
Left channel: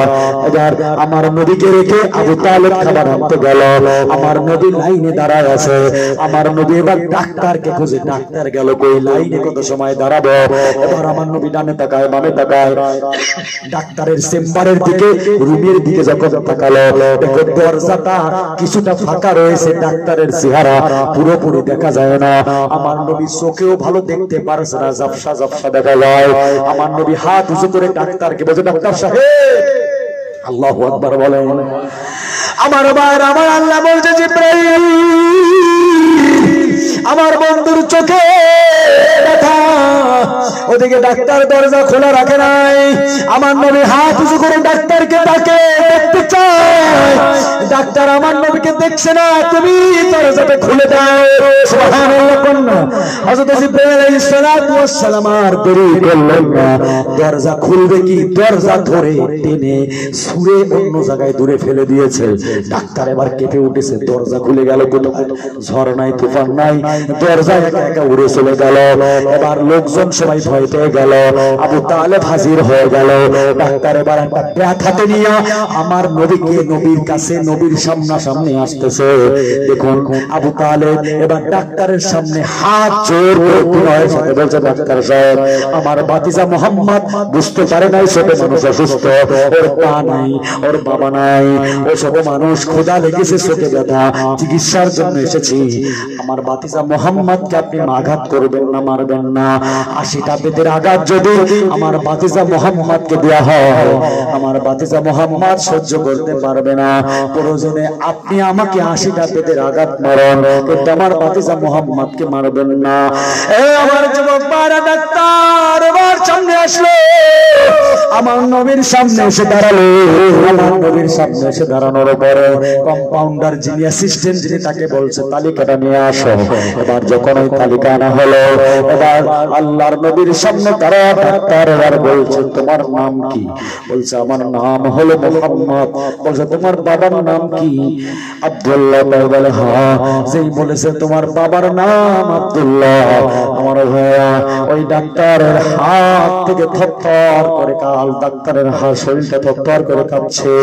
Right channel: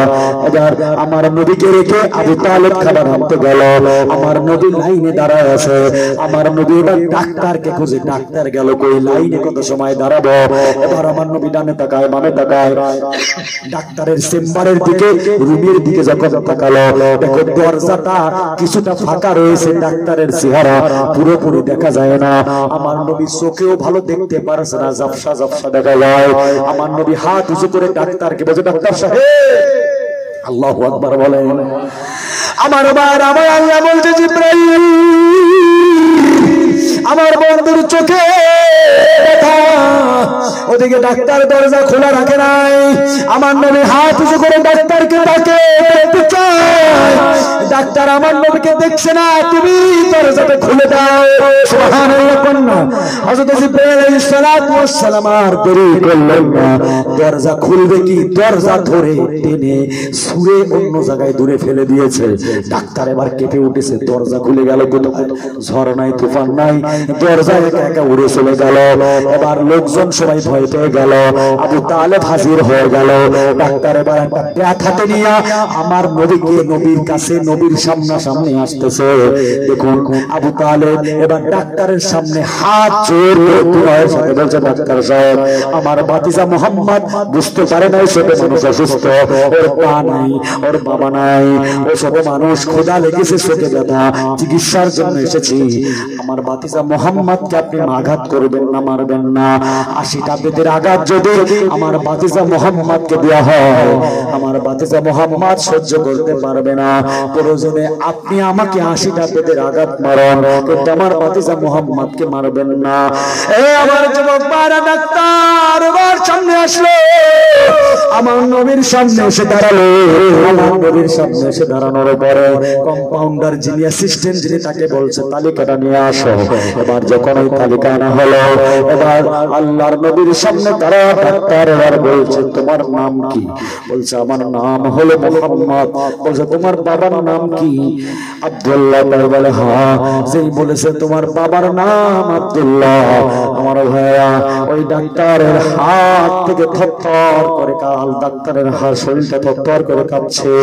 এবার আমার নবীকে রেখে আবু তালেব খাবার আনতে গেল। আমার নবী লাইনে দাঁড়ায় আছে, আমার নবী এবার ডাক্তারকে খুঁজে, ডাক্তার গেল কই, লাইনে কত সময় দাঁড়াবো। এবার আমার নবী ডানে তাকায় বামে তাকায়, ডাক্তারের চেম্বারের দিকে রুমের দিকে যখন তাকালো, দেখো দরজাটা কিছুটা ফাঁকা রয়েছে, ডাক্তারের চেহারা পুরোপুরি দেখা যায় না। আমার নবী চোখেও ভালো দেখতে পারছে না, ঝাপসা ঝাপসা দেখা যায়। আমার নবী হাত উঁচু করে ডাক্তারকে বলছে, ডাক্তার সাহেব। আল্লাহু আকবার বলেন। আমার আল্লাহ বলছে, জিবরাইল আমার বন্ধুর চোখে ব্যথা, ওদিকে ডাক্তার দরজা খোলা রাখে নাই। আমার নবী হাত উঁচু করে ডাক্তারকে ডাকে, দেখতে চায়। ডাক্তার আমার নবীকে দেখছে না, তুমি দরজাটা খুলে দাও। সুবহানাল্লাহ কন্যা হযরত জিবরাইল আলাইহিস সালাতু ওয়াস সালাম আর দেরি করলেন না, দরজা খুলবে কি দরজা ধরে টেনে ছুঁড়ে অন্য জায়গায় দূরে ফেলে দিয়েছে। ডাক্তার এবার কেঁপে উঠেছে, দরজা খুলে গেল কোথায়? ঝড় নাই, তুফান নাই, দরজা একা একা উড়ে চলে গেল। এবার লোকজন সবাই ভয় পেয়ে গেল, আবু তালেব হাজির হয়ে গেল। ডাক্তার এবার একটা ব্যাট হাতে নিয়ে আমার নবীকে নবীর কাছে, নবীর সামনাসামনি আসতেছে। দেখুন আবু তালেব এবার ডাক্তারের সামনে হাত জোর করে বলছে, ডাক্তার সাহেব আমার ভাতিজা মোহাম্মদ বুঝতে পারে নাই ছোট মানুষ অসুস্থ, ওর পা নাই, ওর বাবা নাই, ও ছোট মানুষ, ক্ষুধা লেগেছে, চোখে ব্যথা, চিকিৎসার জন্য এসেছি। আমার ভাতিজা মোহাম্মদকে আপনি আঘাত করবেন না, মারবেন না। 80টা বেতের আঘাত যদি আমার ভাতিজা মোহাম্মদকে দেওয়া হয়, আমার ভাতিজা মোহাম্মদ সহ্য করতে পারবে না। প্রয়োজনে আপনি আমাকে 80টা বেতের আঘাত মারেন, কিন্তু আমার ভাতিজা মোহাম্মদকে মারবেন না। এই আমার যুবক ভাইরা, ডাক্তার আমার সামনে আসলো, আমার নবীর সামনে এসে দাঁড়ালো। আমার নবীর সামনে এসে দাঁড়ানোর পরে কম্পাউন্ডার যিনি অ্যাসিস্ট্যান্ট, যিনি তাকে বলছে তালিকাটা নিয়ে আসো। এবার যখন ওই তালিকা আনা হলো, এবার আল্লাহর নবীর সামনে দাঁড়ায় ডাক্তার এবার বলছে, তোমার নাম কি? বলছে আমার নাম হলো মুহাম্মদ। বলছে তোমার বাবার নাম কি? আব্দুল্লাহ। বলে হ্যাঁ। যেই বলেছে তোমার বাবার নাম আব্দুল্লাহ, আমার ভাইয়া ওই ডাক্তারের হাত থেকে থরথর করে কাল, ডাক্তারের হাত শরীরটা থরথর করে কাঁপছে।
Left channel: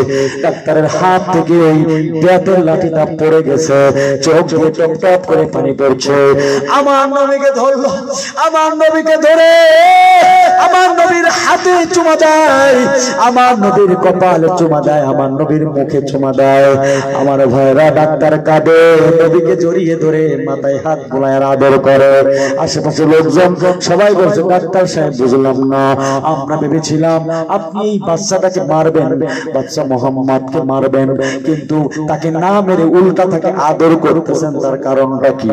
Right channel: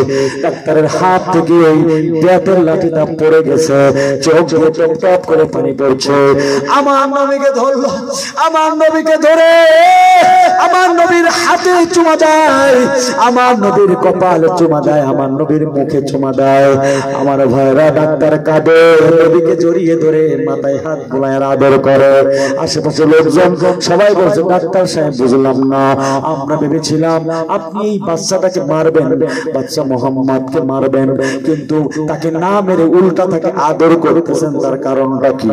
ডাক্তারের হাত থেকে ওই ব্যাটের লাঠিটা পড়ে গেছে, চোখ দিয়ে টপ টপ করে পানি পড়ছে। আমার নবীকে ধরলো, আমার নবীকে ধরে আমার নবীর হাতে চুমা দেয়, আমার নবীর কপালে চুমা দেয়, আমার নবীর মুখে চুমা দেয়। আমার ভাইরা ডাক্তার কাঁদে, নবীকে জড়িয়ে ধরে মাথায় হাত বুলায় আদর করে। আশেপাশে লোকজন সবাই বলছে, ডাক্তার সাহেব বুঝলাম না, আমরা ভেবেছিলাম আপনি এই বাচ্চাটাকে মারবেন, বাচ্চা মোহাম্মদকে মারবেন, কিন্তু তাকে না মেরে উল্টা তাকে আদর করতেছেন, তার কারণটা কি?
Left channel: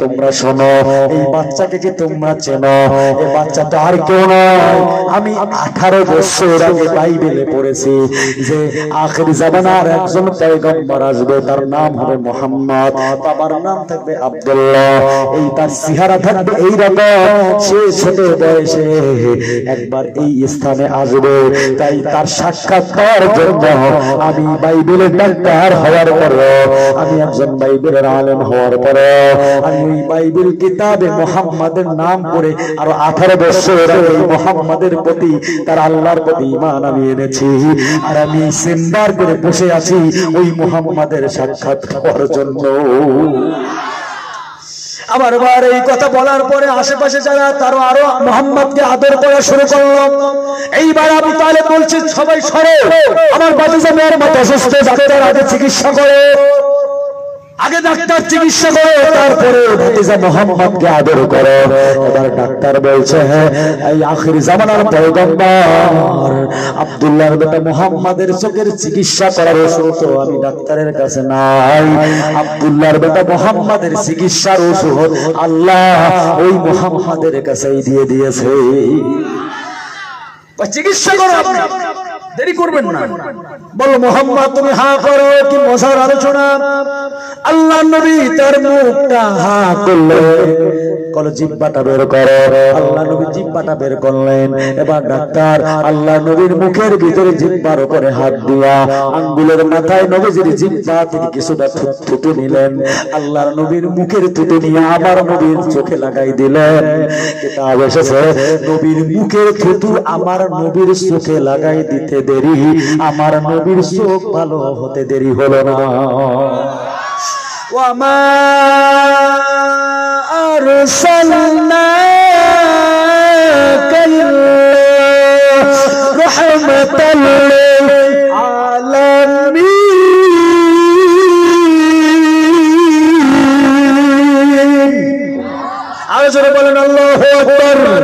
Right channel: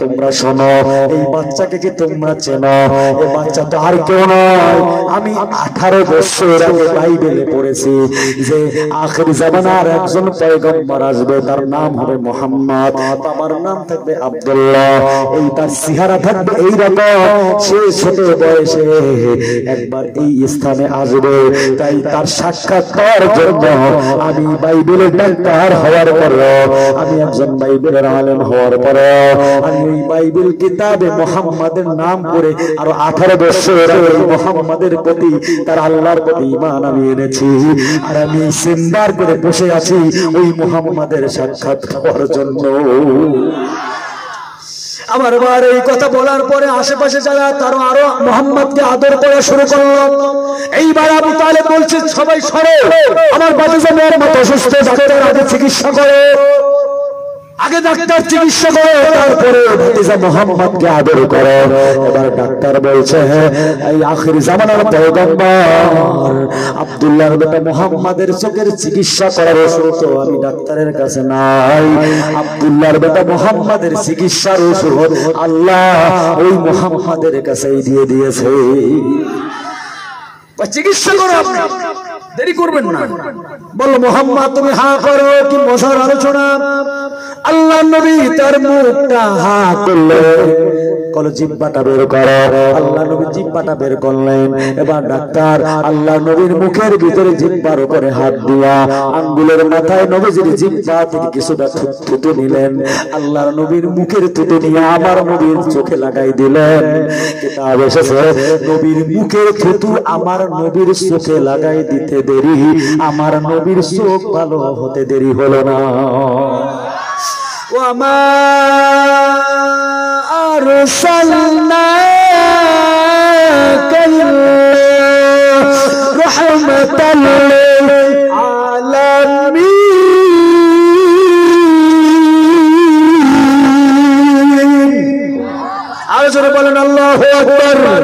তোমরা শোনো, এই বাচ্চাকে কি তোমরা চেনো? এই বাচ্চা তো আর কেউ নয়, আমি 18 বছর আগে বাইবেলে পড়েছি যে আখিরি জামানার একজন পয়গম্বর আসবে, তার নাম হবে মুহাম্মদ, তার নাম থাকবে আব্দুল্লাহ, এই তার চেহারা থাকবে এইরকম, সে ছোট বয়সে একবার এই স্থানে আসবে। তাই তার সাক্ষাৎ পাওয়ার জন্য আমি বাইবেলের ডাক্তার হওয়ার পরে, আমি একজন বাইবেলের আলেম হওয়ার পরে, আমি এই বাইবেল কিতাবে মুহাম্মাদের নাম করে আরো 18 বছর এই মুহাম্মাদের প্রতি, তার আল্লাহর প্রতি ঈমান আমি এনেছি। আর আমি সিন্দার করে বসে আছি ওই মুহাম্মাদের সাক্ষাৎ পাওয়ার জন্য। আমার বার এই কথা বলার পরে আশেপাশে যারা, তারা আরো মুহাম্মদকে আদর করা শুরু করলো। এইবার আবু তালেব বলছে, সবাই সরো, আমার ভাতিজা মেয়ের মতো অসুস্থ, ডাক্তার আগে চিকিৎসা করে। আগে ডাক্তার চিকিৎসা করে তারপরে ভাতিজা মোহাম্মদকে আদর করে। এবার ডাক্তার বলছে এই আখির জামানার পয়গম্বর আব্দুল্লাহর বেটা মোহাম্মদের চোখের চিকিৎসা করার ওষুধ তো আমি ডাক্তারের কাছে নাই, আব্দুল্লাহর বেটা মোহাম্মদের চিকিৎসার ওষুধ আল্লাহ ওই মোহাম্মদের কাছেই দিয়ে দিয়েছে। চিকিৎসা করো, দেরি করবেন না। বলো মোহাম্মদ তুমি হা করো, কি মজার আলোচনা। আল্লাহ নবী তার মুখটা হা করলেন, কলো জিহ্বাটা বের করো। আল্লাহ নবী জিহ্বাটা বের করলেন। এবার ডাক্তার আল্লাহ নবীর মুখের ভিতরে জিহ্বার উপরে হাত দিয়া আঙ্গুলের মাথায় নবীজির জিহ্বা থেকে কিছুটা থুতু নিলেন। আল্লাহর নবীর মুখের থুতু নিয়ে আমার নবীর চোখে লাগাই দিলেন। কিতাব এসেছে নবীর মুখের থুতু আমার নবীর চোখে লাগাই দিতে দেরি, আমার নবীর চোখ ভালো হতে দেরি হলো না। وما أرسلناك رحمة للعالمين। আরো বলেন আল্লাহু আকবার।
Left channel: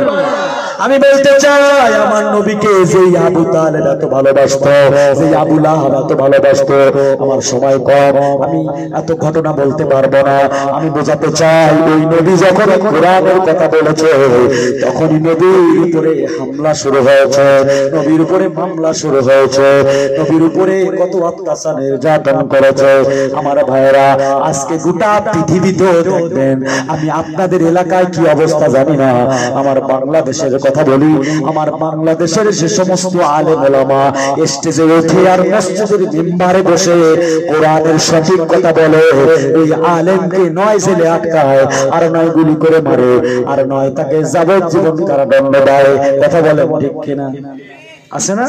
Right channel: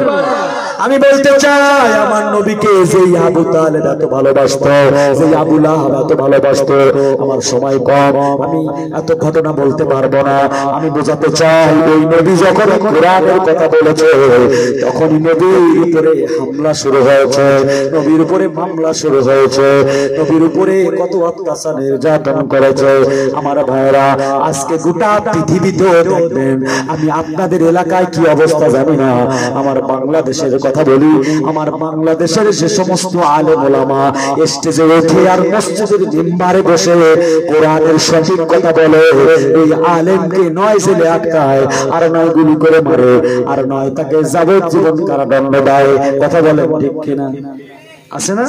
আমি বলতে চাই আমার নবীকে যে আবু তালেব এত ভালোবাসতো, যে আবু লাহাব এত ভালোবাসতো, আমার সময় কম, আমি এত ঘটনা বলতে পারবো না। আমি বোঝাতে চাই ওই নবী যখন কোরআনের কথা বলেছে তখনই নবীর উপরে হামলা শুরু হয়েছে, নবীর উপরে মামলা শুরু হয়েছে, নবীর উপরে কত অত্যাচার নির্যাতন করেছে। আমার ভাইরা আজকে গোটা পৃথিবীতে দেখবেন, আমি আপনাদের এলাকায় কি অবস্থা জানি না, আমার বাংলাদেশের কথা বলি, আমার বাংলাদেশের যে সমস্ত আলেম ওলামা স্টেজে উঠে আর মসজিদের মিম্বারে বসে কোরআনের সঠিক কথা বলে, এই আলেমকে নয় জেলে আটকায়, আর নয় গুলি করে মারে, আর নয় তাকে যাবজ্জীবন কারাদণ্ড দেয়। কথা বলেন ঠিক কিনা? আছে না?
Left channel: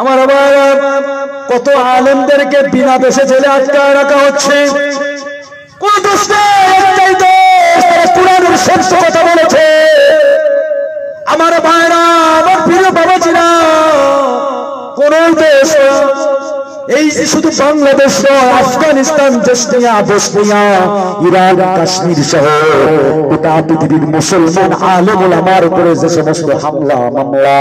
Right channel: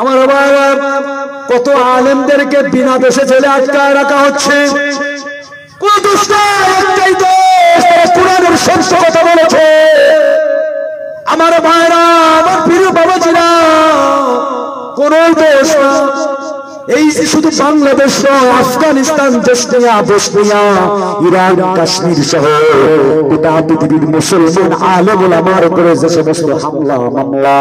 আমার কত আলেমদেরকে বিনা দোষে জেলে আটকায় রাখা হচ্ছে। কোন দেশটা একটাই দেশ কোরআনের সত্য কথা বলেছে। আমার ভাইরা, আমার প্রিয় বাবাজিরা, কোন দেশ এই যে শুধু বাংলাদেশ নয়, আফগানিস্তান, বসনিয়া, ইরান, কাশ্মীর সহ গোটা পৃথিবীর মুসলমান আলেম ওলামার উপরে যে সমস্ত হামলা মামলা,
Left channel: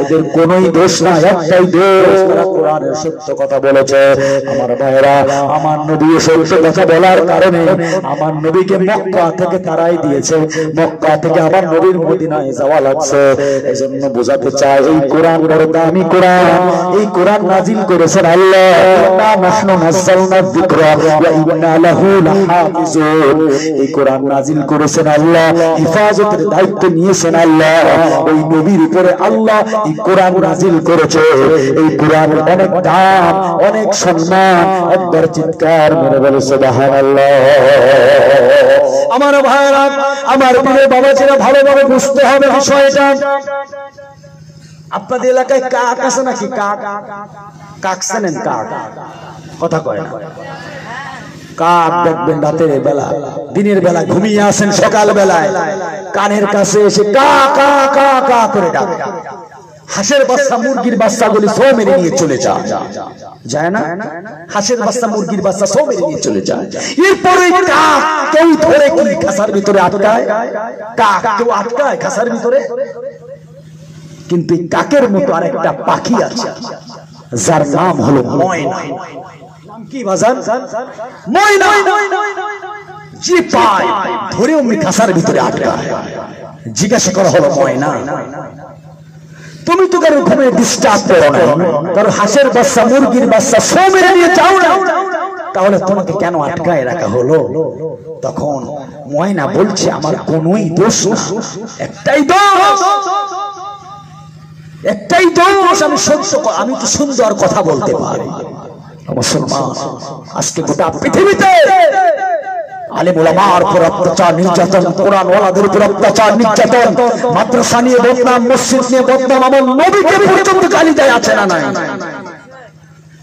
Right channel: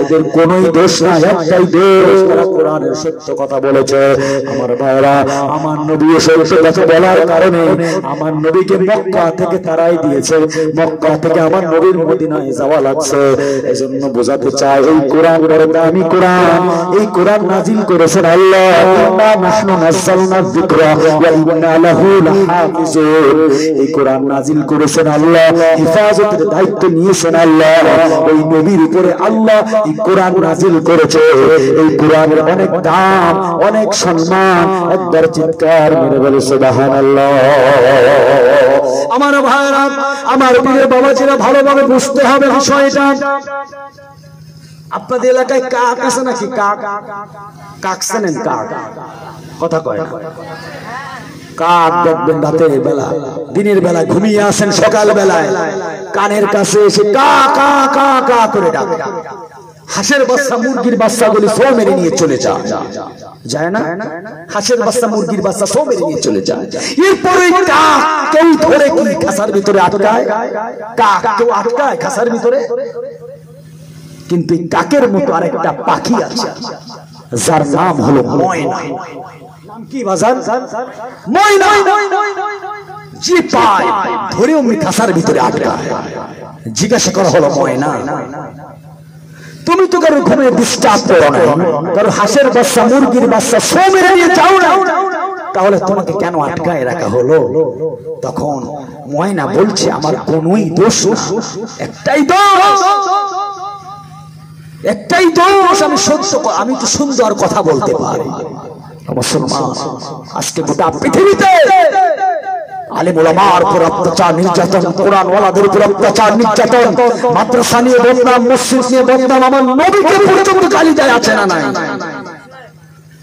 এদের কোনই দোষ না, একটাই দেশ তারা কোরআনের সত্য কথা বলেছে। আমার ভাইরা, আমার নবী সত্য কথা বলার কারণে আমার নবীকে মক্কা থেকে তারাই দিয়েছে, মক্কা থেকে আমার নবীর মদিনায় যাওয়া লাগছে। এজন্য বোঝাতে চাই এই কোরআন বড় দামি কোরআন, এই কোরআন নাজিল করেছেন আল্লাহ। এই কোরআন নাজিল করেছেন আল্লাহ, হেফাজতের দায়িত্ব নিয়েছেন আল্লাহ। ওই নবীর উপরে আল্লাহ এই কোরআন নাজিল করেছে। এই কোরআনের অনেক দাম, অনেক সম্মান। একবার চিৎকার মেরে বলে সুবহানাল্লাহ। আমার ভাইরা, আমার প্রিয় বাবাজিরা, ভালোভাবে বুঝতে হবে বিষয়টা। আপনাদের এলাকায় কাক আছে নাকি? কাক কাক জানেন? কাক কথা কয় কাক দেখবেন রাতের বেলা, দিনের বেলা ঘুমিয়ে আসেন, সকাল বেলায় কানের কাছে এসে কা কা কা কা করে ডাকে। হাঁসের বাচ্চা, মুরগির বাচ্চা বলে সব মেরে নিয়ে চলে যায়, যায় না? হাঁসের বাচ্চা, মুরগির বাচ্চা সব মেরে নিয়ে চলে যায়। এরপরে কাক কেউ ধরে কি খাসার ভিতরে আটকায়? কাক কেউ আটকায় খাসার ভিতরে? কিন্তু কাকের মতো আরেকটা পাখি আছে যার নাম হলো ময়না। নাম কি বাজার? ময়না। যে পায় ধরে অমনি খাসার ভিতরে আটকায়। জিজ্ঞাসা করা হলো, ময়না তুমি তো কারো ঘুমে ডিস্টার্ব করো না, কারো হাঁসের বাচ্চা, মুরগির বাচ্চা সব মেরে নিয়ে যাও না, তাহলে তোমাকে কেন আটকায় রাখা হলো? তখন ময়না বলছে, আমার কোনোই দোষ না, একটাই দোষ, একটাই দোষ, আমি সত্য, আমি তো সুন্দর কথা বলতে পারি। মুসলমান আজকে গোটা পৃথিবীতে আলেম ওলামার উপর অত্যাচার নির্যাতন, কোরআন ওয়ালাদের উপর অত্যাচার নির্যাতন, মাদ্রাসা নিয়ে বদনাম, মসজিদ নিয়ে বদনাম, আমার নবীকে পর্যন্ত গালি দেয় আছে না নাই?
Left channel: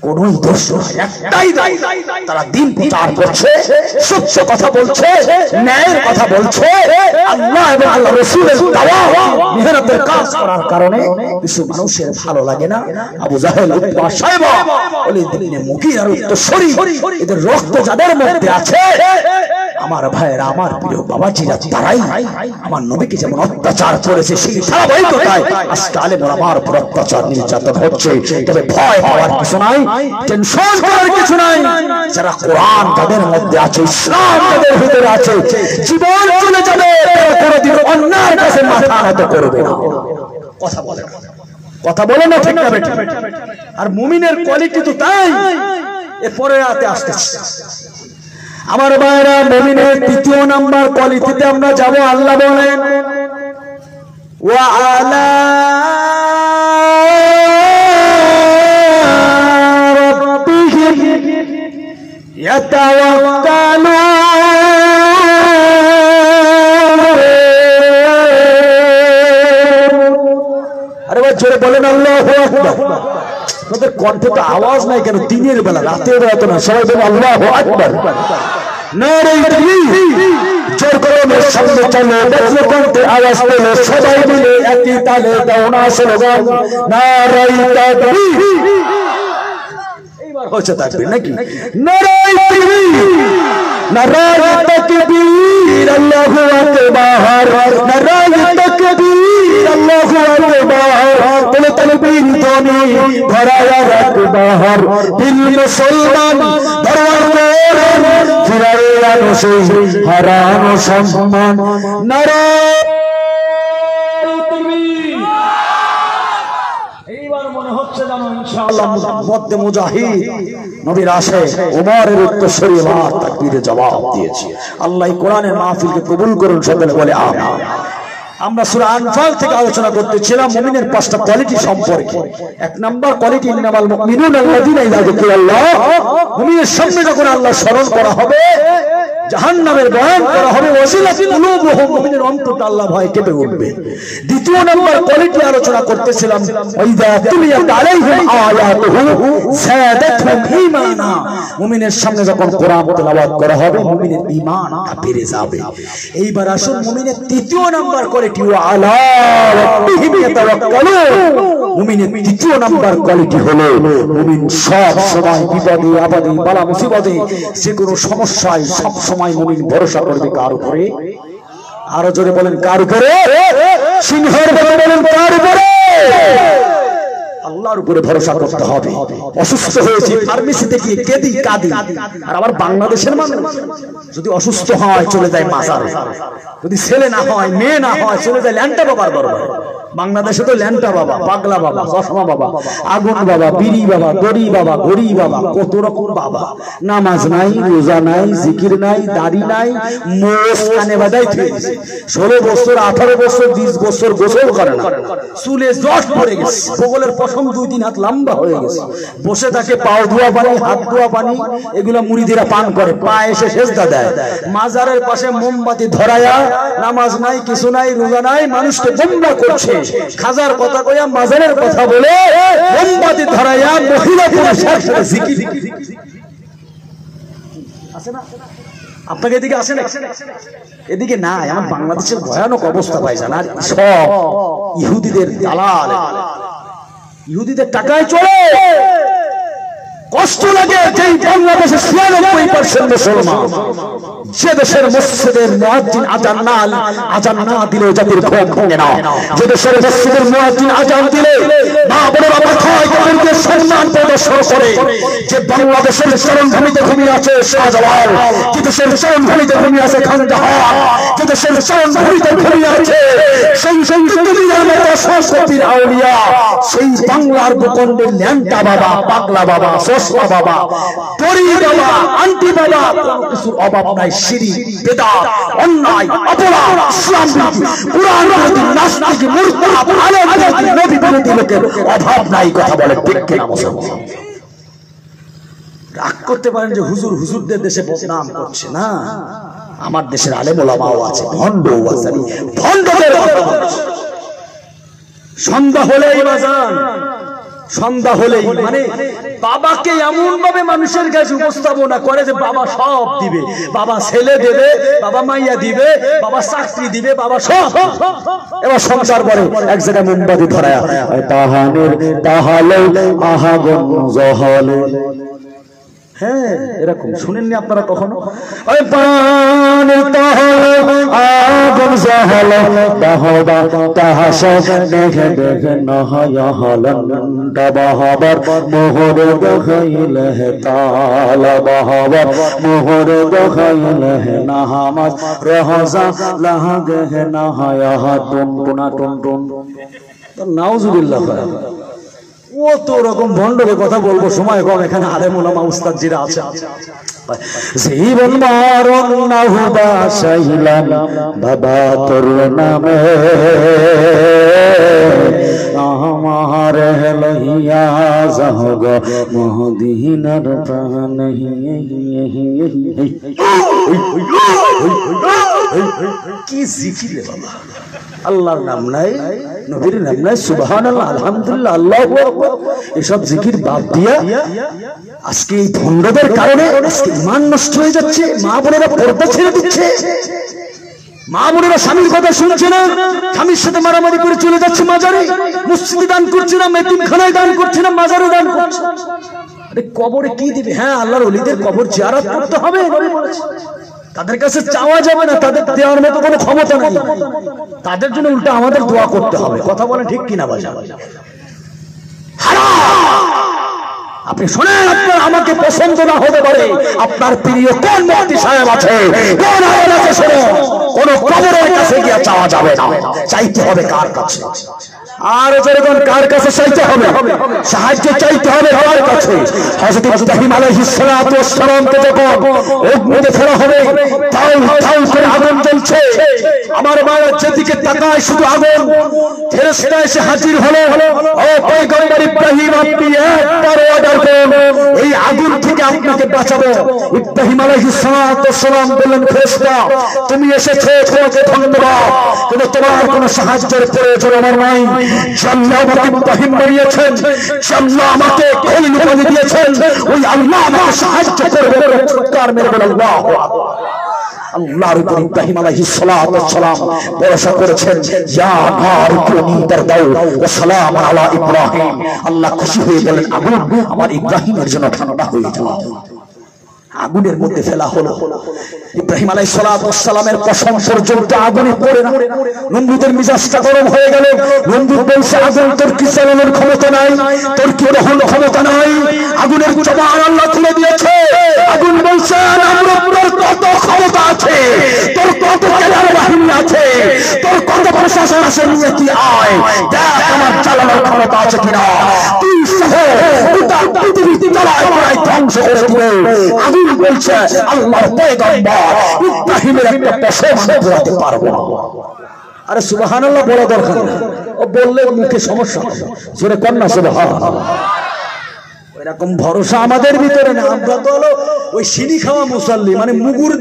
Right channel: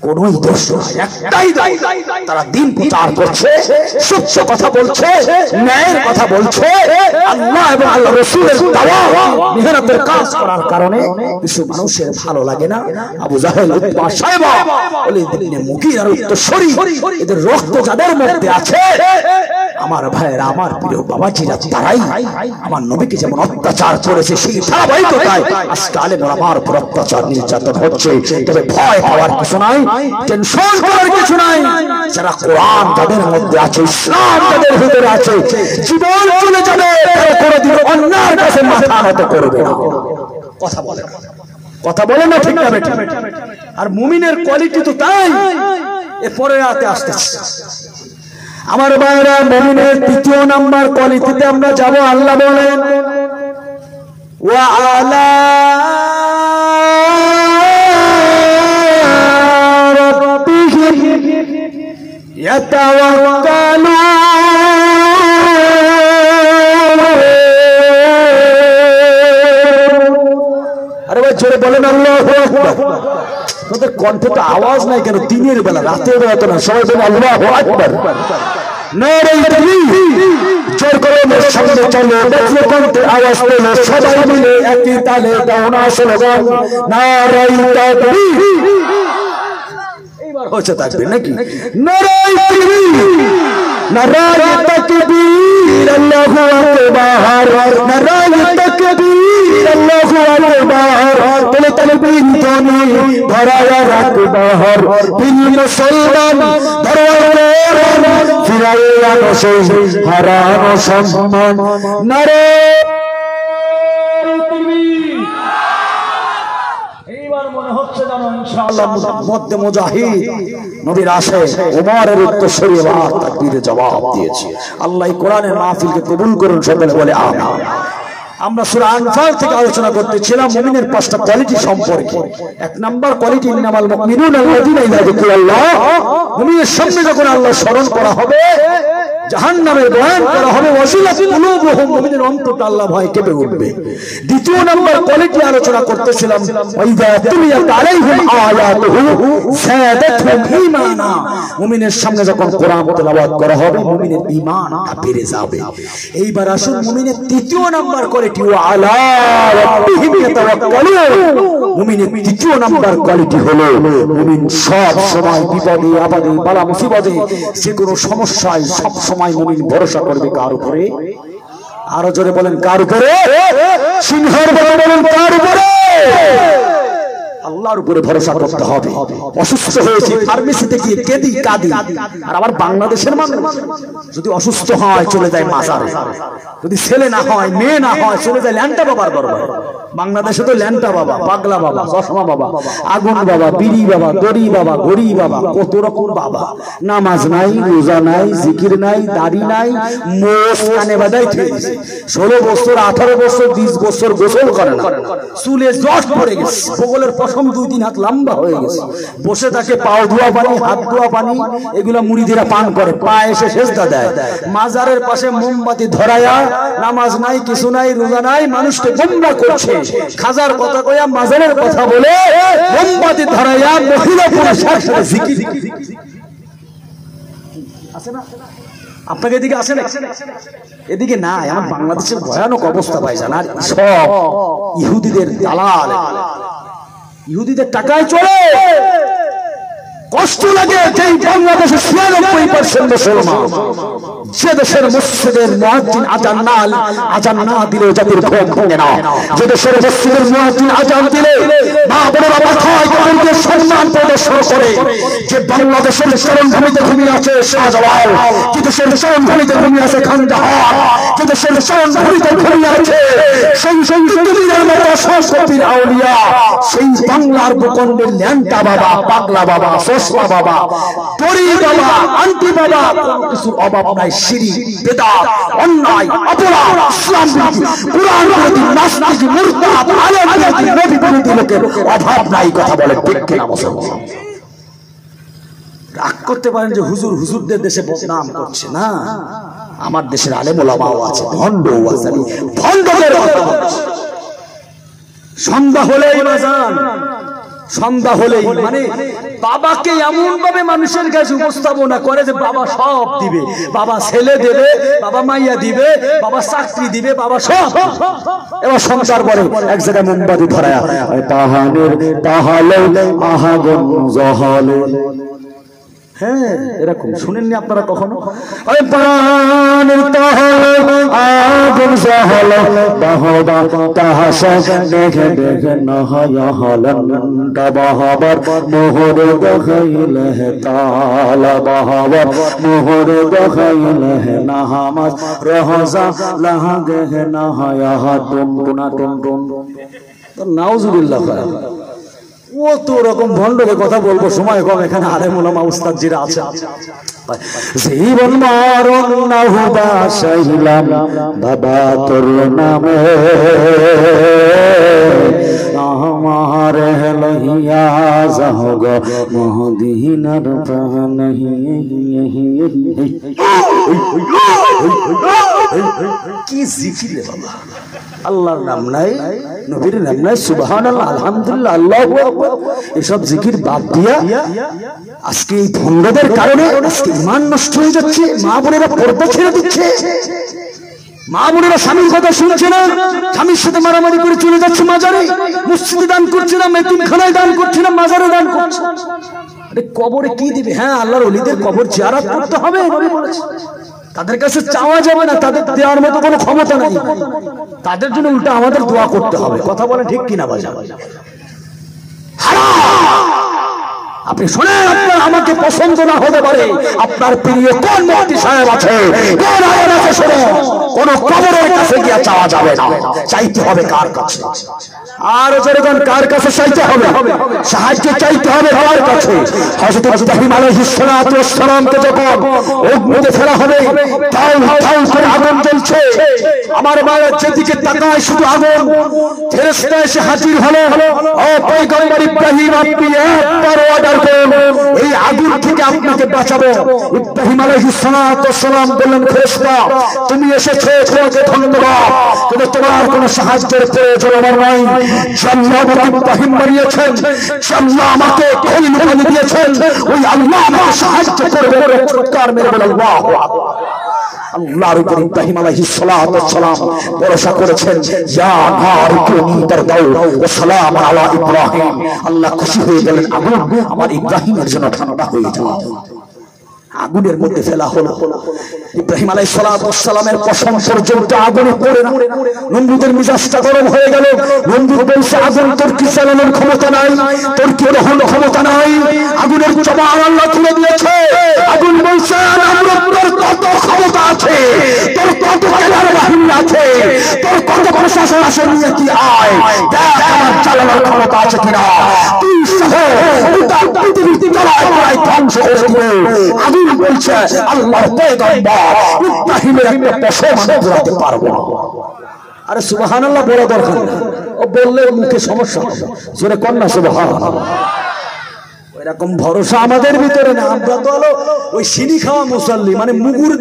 কোনই দোষ নয়, একটাই দায়, তারা দিন প্রচার করছে, সত্য কথা বলছে, ন্যায়ের কথা বলছে, আল্লাহ এবং আল্লাহ রাসূলের দাওয়াত মেহনতের কাজ করার কারণে কিছু মানুষের ভালো লাগে না। আবু জাহেল, উতবা, শায়বা, ওয়ালিদ ইবনে মুগীরা, উত্তরসূরি, এদের রক্ত যাদের মধ্যে আছে, আমার ভাইয়েরা, আমার প্রিয় বাবাজিরা, তারাই আমার নবীকে যেমন অত্যাচার করেছে সেই ধারাবাহিকতায় আজকে আলেম ওলামার উপর অত্যাচার নির্যাতন হচ্ছে। তবে ভয় পাওয়ার কিছু নাই, টেনশন করার কিছু নাই। যারা কোরআন যাদের মধ্যে আছে, ইসলাম যাদের ভিতরে আছে, জীবন চলে যাবে, কোনোদিন অন্যায়ের কাছে মাথা নত করবে না। কথা বলে, কথা বলে না, ঠিক না বেঠিক? আর মুমিনের কোয়ালিটি তো তাই। এরপরে রাতে আসতেছে আমার ভাইরা, মুমিনের তৃতীয় নাম্বার কোয়ালিটিতে আমরা যাব। আল্লাহ বলেন ওয়া আলা রাব্বিহিম ইয়াতাওয়াক্কালুন। আরে ভাই জোরে বলেন আল্লাহু আকবার। তোদের কণ্ঠে তো আওয়াজ নাই কেন? দিনের বেলা, রাতের বেলা তো না, সবাই বলে আল্লাহু আকবার। নারে তাকবীর, জোর করে সামনে চলো, দেখলে কণ্ঠে আওয়াজ পেলে সবাই মিলে একই তালে দাও না স্লোগান, নারে তাকবীর। এইবার হচ্ছে তাকবীর নাকি? নারে তাকবীর, নারে তাকবীর, আল্লাহু আকবার, নারে তাকবীর, আল্লাহু আকবার। বলে তাকবীর ধ্বনি ধরায়া রাখবার, দিল মুসলমান ধরায়া ফিরাইয়া বসে হারানো সম্মান। নারে তাকবীর। এইবার মনে হচ্ছে জানো ইনশাআল্লাহ মধ্যে মুজাহিদ নবীর আসে ওমরের উত্তরসূরি তাকবীরে জবাব দিয়েছে। আল্লাহ কোরআনের মাহফিলকে কবুল করুন, সকলে বলে আমিন। আমরা সূরা আনফাল থেকে আলোচনা করতেছিলাম মুমিনের পাঁচটা কোয়ালিটি সম্পর্কে। এক নাম্বার কোয়ালিটি, ইন্নামাল মুমিনুনা আল্লাযীনা ইযা যুকিরাল্লাহ, মুমিনের সামনে যখন আল্লাহ স্মরণ করা হবে, জাহান্নামের বয়ান করা হবে, ওয়াজিলাত কুলুবুহুম, মুমিনের অন্তরটা আল্লাহ ভয় কেঁপে উঠবে। দ্বিতীয় নাম্বার কোয়ালিটি আলোচনা করতেছিলাম, ওয়াইযা তুলিয়াত আলাইহিম আয়াতুহু যাদাতহুম ঈমানা, মুমিনের সামনে যখন কোরআন তেলাওয়াত করা হবে মুমিনের ঈমানটা বেড়ে যাবে। এইবার আসুন মুমিনের তৃতীয় নাম্বার কোয়ালিটি, ওয়া আলা রাব্বিহিম ইয়াতাওয়াক্কালুন। মুমিনের তৃতীয় নাম্বার কোয়ালিটি হলো মুমিন সব সময় বিপদে আপদে বালা মুসিবতে যে কোনো সমস্যায় সব সময় মুমিন ভরসা করবে কার উপরে? আরো জোরে বলেন কার উপরে? সিংহের বলে বলেন কার উপরে? আল্লাহর উপরে ভরসা করতে হবে। অসুস্থ হয়েছে ফার্মেসিতে গিয়ে কেঁদি কাঁদি। আর আবার বাংলাদেশের মানুষ যদি অসুস্থ হয় চলে যায় মাজারে, যদি ছেলে না হয় মেয়ে না হয় চলে যায় ল্যাংটা বাবার দরবারে। বাংলাদেশে তো ল্যাংটা বাবা, পাগলা বাবা, চশমা বাবা, আগুন বাবা, বিড়ি বাবা, দড়ি বাবা, গড়ি বাবা, কত রকম বাবা। নামাজ নাই, রোজা নাই, জিকির নাই, দাড়ি নাই, মোষ কানে বাঁধাই থেকে 16 বছর 18 বছর 20 বছর গোসল করে না, চুলে জট পড়ে গেছে, বগলের পশম 2-3 হাত লম্বা হয়ে গেছে, বসে থাকে পাও ধোয়া পানি, হাত ধোয়া পানি, এগুলা মুরিদেরা পান করে, পা এসে সেজদা দেয়। মাজারের পাশে মোমবাতি ধরায়া, নামাজ নাই, কিছু নাই, রোজা নাই, মানুষকে গোমরাহ করছে। খাজার কথা কইয়া মাজারের কথা বলে মোমবাতি ধরায়া মহিলা পুরুষের সাথে জিকির। আছে না আপনাকে? এদিকে আসে না? এদিকে নাই। আমার বাংলাদেশের ভয়ানক অবস্থা ভাইজান। আর সব ইহুদিদের দালাল, ইহুদিদের টাকায় চলে। কষ্ট লাগে যে বাংলাদেশে 96% মুসলমান, যে দেশের মসজিদের মুয়াজ্জিন আজান না দিলে জাতির ঘুম ভাঙে না, যে দেশের মসজিদের মুয়াজ্জিন আজান দিলে মা বোনেরা মাথায় কাপড় দিয়ে সম্মান প্রদর্শন করে, যে বাংলাদেশের চরমভূমিতে ঘুমিয়ে আছে শাহজালাল, যে দেশের চরমভূমিতে ঘুমিয়ে আছে খানজাহান, যে দেশের চরমভূমিতে ঘুমিয়ে আছে সেই দুনিয়ার মতো সংস্কৃতির আউলিয়া, সেই বাংলার ভূখণ্ডের ল্যাংটা বাবা, পাগলা বাবা, চশমা বাবা, তরি বাবা, আন্টি বাবা, কিছুর অভাব নাই। শিরক, বিদআত, অন্যায়, অপরাধ, ইসলাম বিরোধী, কুরআন বিরোধী, নাস্তিক, মুরতাদ, আলেম বিরোধী, নবী বিরোধী লোকের অভাব নাই। কথা বলে ঠিক কিনা মুসলমান? রাগ করতে পারেন যে হুজুর হুজুরদের দেশে বদনাম করছে না। আমার দেশের আলেম ওলামাও আছে, ভণ্ডও আছে, ভণ্ডদের কথা বলছে। সন্ধ্যা হলেই বাজান সন্ধ্যা হলেই মানে বাবাকে এমন ভাবে মানুষের কাছে উপস্থাপনা করে যে বাবা সব দিবে, বাবা ছেলে দেবে, বাবা মাইয়া দিবে, বাবা চাকরি দিবে, বাবা সব। এবার সংসার করে এক জায়গায় মোমবাতি ধরায় তাহানের তাহালে আহাগন জহলে। হ্যাঁ, এরকম শুনেননি আপনারা কখনো? নাউজুবিল্লাহ। ও তো ওরকম ভণ্ডকে কথা বলবো, সময় কম, এখানে আলেম ওলামা উস্তাদ জিরা আছে। জীবন মরণ না হুবা সাইলাম বাবা তোর নামে, আমার লইয়া যাও গো মদিনার প্রাণে। কি জিকির বাবা, আল্লাহর নাম নাই, নবীর নাম নাই, সুবহানাল্লাহ, আলহামদুলিল্লাহ, আল্লাহু আকবার, এসব জিকির বাদ দিয়া আজকে এই ভণ্ডদের কারণে আজকে ঈমান নষ্ট হয়ে যাচ্ছে। মা বোনেরা পর্দা ছেড়ে দিচ্ছে, মা বোনেরা স্বামীর কথা শুনছে না, স্বামীর সাথে মারামারি করে চলে যাচ্ছে মাজারে, মসজিদে দান করছে না, এতিমখানায় দান করছে না, মাজারে দান করছে। আরে কবরে কি দিবে? হ্যাঁ, আল্লাহর ওলিদের কবর জিয়ারত করতে হবে, তাদের কাছে চাওয়া যাবে না, তাদের দেওয়ার মতো কোনো ক্ষমতা নেই, তাদের জন্য উল্টা আমাদের দোয়া করতে হবে। কথা বলে ঠিক কিনা বাজা? আপনি শোনেন, আপনার আমাকে পছন্দ না হতে পারে, আপনার প্রিয় কোন মুফতি সাহেব আছে, কোন আলেম আছে, শোনো, কোন কবরের কাছে গিয়ে চাওয়া যাবে না, চাইতে হবে কার কাছে? আর যেরকম কার কাছে চাইতে হবে, সাহায্য চাইতে হবে কার কাছে? হযরত ইব্রাহিম আলাইহিস সালাতু ওয়াস সালামকে যখন অগ্নিতে ফেলা হবে, তাও তাও করে আগুন জ্বলছে, আমার বাবা যেদিকে তাকায় শুধু আগুন, ফেরেশতা এসে হাজির হলো, ও পয়গম্বর ইব্রাহিম, আপনি একবার অর্ডার করুন, এই আগুন থেকে আপনাকে বাঁচাবো। ইব্রাহিম আলাইহিস সালাতু ওয়াস সালাম বললেন, ফেরেশতা তুমি এসেছো, তোমাকে ধন্যবাদ, কিন্তু তোমার কোনো সাহায্যের প্রয়োজন আমার নাই। আল্লাহ আমাকে ইব্রাহিম বানিয়েছেন, আল্লাহ আমাকে খলিল বানিয়ে দিয়েছেন, ওই আল্লাহ আমাকে সাহায্য করবে। চিৎকার মেরে বলে আল্লাহু আকবার। আল্লাহর উপর ইব্রাহিম আলাইহিস সালাতু ওয়াস সালাম ভরসা করেছেন, ইয়া নারু কুনি তারদাউ ওয়া সালাম আলা ইব্রাহিম। আল্লাহ খুশি হয়ে গেলেন, আগুন আমার ইব্রাহিমের জন্য ঠান্ডা হয়ে যাও। আগুনের মধ্যে ফেলা হলো। ইব্রাহিম আলাইহিস সালাতু ওয়াস সালামের কসম পর্যন্ত আগুনে পড়ে নমরুদের মিজাজটা গরম হয়ে গেল। নমরুদ বলছে, আগুন তোর কি চালানোর ক্ষমতা নাই, তোর কি দহন ক্ষমতা নাই, আগুনের জবান আল্লাহ খুলে দিয়েছে। আগুন বলছে, নমরুদ তোর কত ক্ষমতা আছে, তোর কত কেলার বাহিনী আছে, তোর কত প্রশাসন আছে, নিয়ে কি আয় দেখ আমার চালানোর ক্ষমতা আছে কিনা। তুই সহ পৃথিবীতে জ্বালায় প্রায় ধ্বংস করে দিবে। আগুন বলছে, আল্লাহর পয়গম্বর ইব্রাহিমের একটা কসম আমি ঘোরাতে পারবো না। আরে সুবহানাল্লাহ বড় দরকার, ও বললে মুখে সমস্যা, জোরে কর না সুবহানাল্লাহ। এরকম ভরসা আমাদের ভিতরে না। আমরা তো হলো ওই সিনি খাওয়া মুসাল্লি, মানে মুগুর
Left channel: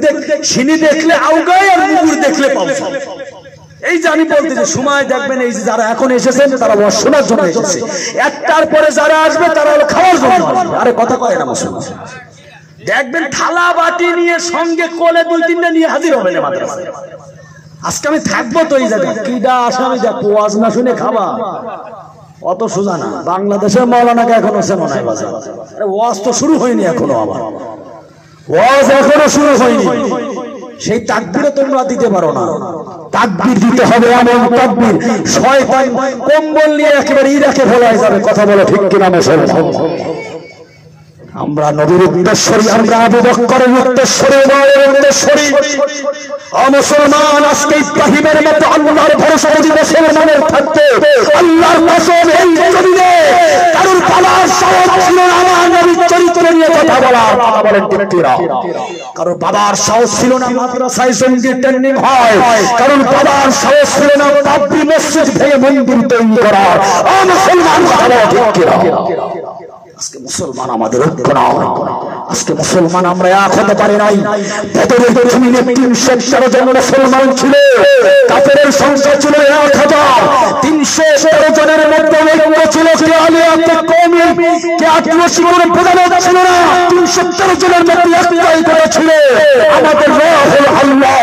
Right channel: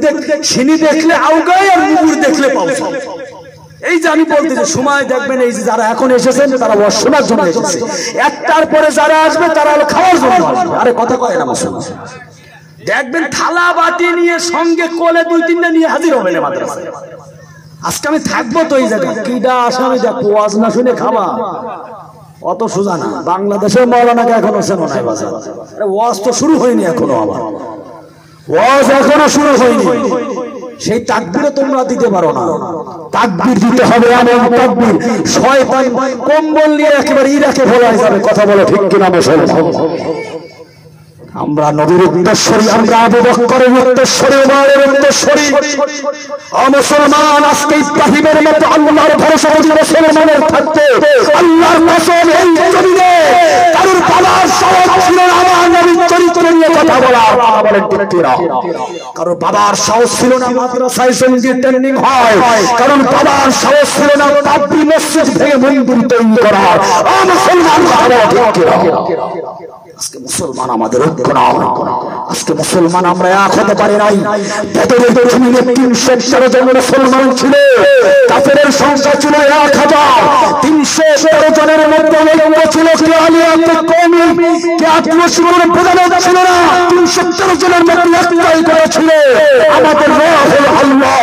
সিনি দেখলে আউগায় আর মুগুর দেখলে পাও। এই যে আমি বলতেছি, সময় দেখবেন, এই যে যারা এখন এসেছেন তারা শোনার জন্য এসেছে, একটার পরে যারা আসবে তারা হলো খাওয়ার জন্য। আরে কথা কয় না মুসলমান, দেখবেন থালা বাটি নিয়ে সঙ্গে কোলে দুই তিনটা নিয়ে হাজির হবে না মাদ্রাসায়। আজকে আমি থাকবো তো এই জায়গায়, কিডা আসামি যা ওয়াজ না শুনে খাবা, অত সোজা না। বাংলাদেশের মাওলানাকে এখনো চেনো নাই বাজার, ওয়াজ তো শুরু হয়নি এখনো, আমার ওয়াজ এখনো শুরু হয়নি। সেই তাকবীরও তোমরা দিতে পারো না। তাকবীর দিতে হবে এমন তাকবীর, শয়তান কম্বল নিয়ে একেবারে ইরাকে ভোলায় যাবে। কথা বলে ঠিক কিনা মুসলমান? আমরা নবীর উদ্দেশ্যেই, আমরা আবু বকরের উদ্দেশ্যেই, ওমরের উদ্দেশ্যেই মুসলমান। আজকে ইব্রাহিমের মতো আল্লাহর ভরসা যদি মুসলমানের থাকতো, আল্লাহর কসম এই জমিনে কারোর বাবার সাহস ছিল না আমার নবীর চরিত্র নিয়ে কথা বলার। কথা বলেন ঠিক কিনা? কারোর বাবার সাহস ছিল না মাদ্রাসায় জঙ্গি ট্রেনিং হয়, কারণ বাবার সাহস ছিল না বাবরি মসজিদ থেকে মন্দির তৈরি করার। মুসলমান কথা বলে ঠিক কিনা? আজকে মুসলমান আমাদের ঐক্য না, আজকে মুসলমান আমরা এক হতে পারি নাই। বদরের জমিনে ৩১৩ জন মুসলমান ছিল, কাফেরের সংখ্যা ছিল ১,৩১৩ জনের মধ্যে ঐক্য ছিল। কে আলিয়াকে কম কে আদিবাসী কোনো প্রধানত ছিল না, 317 জনের মধ্যে একটাই করেছিল আমাদের রব আল্লাহ।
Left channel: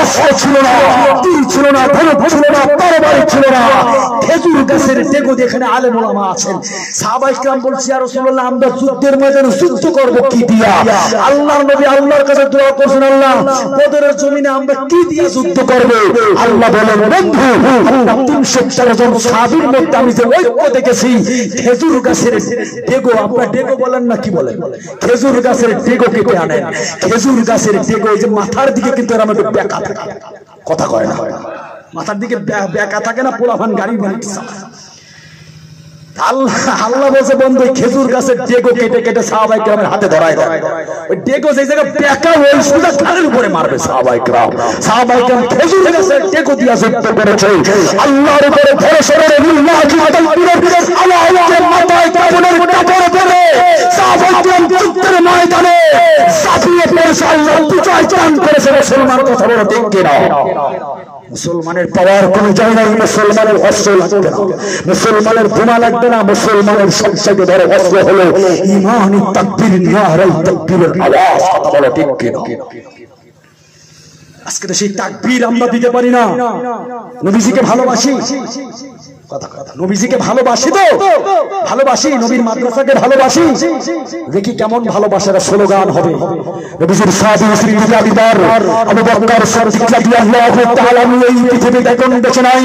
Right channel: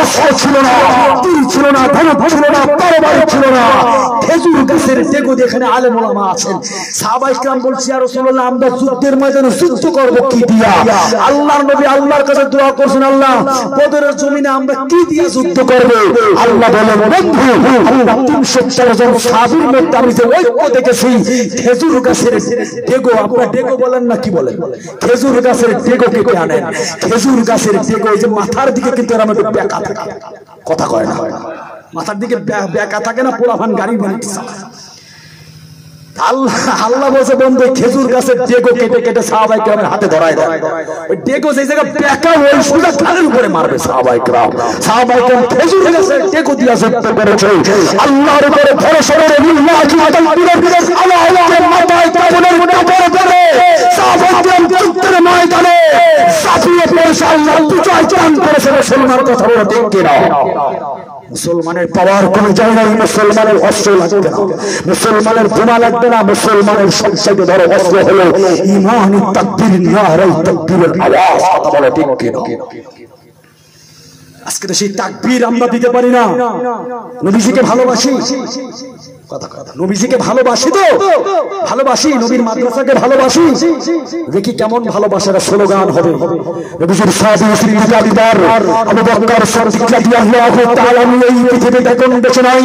অস্ত্র ছিল না, তীর ছিল না, ধনুক ছিল না, তরবারি ছিল না, খেজুর গাছের ডেগো। এখানে আলেম ওলামা আছেন, সাহাবায়ে কেরাম বলছে ইয়া রাসূলুল্লাহ আমরা যুদ্ধের ময়দানে যুদ্ধ করব কি দিয়া? আল্লাহর নবী আল্লাহর কাছে দোয়া করছেন, আল্লাহ বদরের জমিনে আমরা কি দিয়ে যুদ্ধ করব? আল্লাহ বলেন বন্ধু আল্লাহ 314 জন সাহাবীর মধ্যে আমি যে ঐক্য দেখেছি খেজুর গাছের ডেগো। আপনারা ডেগো বলেন না কি বলেন? খেজুর গাছের ডেগো কেটে আনেন। খেজুর গাছের ডেগো এই যে মাথার দিকে কিন্তু এরকম একটু বেঁকা থাকে, কথা কয় না, মাথার দিকে বেঁকা থাকে না, পোলাপান গাড়ি বানাইতেছে। আল্লাহ বলছে বন্ধু খেজুর গাছের ডেগো কেটে কেটে সাহাবায়ে কেরামের হাতে ধরায় দেয়। ওই ডেগো যেই জায়গায় বেঁকা ওই সোজা কানের উপরে মারবে সাহাবায়ে কেরাম। সাহাবায়ে কেরাম খেজুর গাছের ডেগো দিয়া যুদ্ধ করেছে। আল্লাহর উপরে ভরসা করে লিল্লাহি তাকবীরের আল্লাহকে মাথায় কাফনের কাপড় ধরে সাহাবায়ে কেরাম যুদ্ধের ময়দানে সাফিয়ে পেয়েছে। আল্লাহ বিজয় চান করেছে। মুসলমান কথা বলে ঠিক কিনা? মুসলমানের পাওয়ার কোন জায়গায় মুসলমানের অস্ত্র লাগবে না, মুসলমানের বোমা লাগবে না, মুসলমানের সবচেয়ে বড় অস্ত্র হলো ঈমান, তাকবীর, নারায়ে তাকবীরের আওয়াজ। কথা বলে ঠিক কিনা? আজকে তো সেই তাকবীর আমরা দিতে পারি না। নবীজিকে ভালোবাসি, কথা কথা, নবীজিকে ভালোবাসি তো ভালোবাসি, নবীর মাদ্রাসাকে ভালোবাসি। দেখি কেমন ভালোবাসার স্লোগান হবে। নবীজির সাহাবী সিদ্দিক আবিদার আবু বকর সিদ্দিক রাদিয়াল্লাহু তাআলা এই পৃথিবীতে কোন দেশে নাই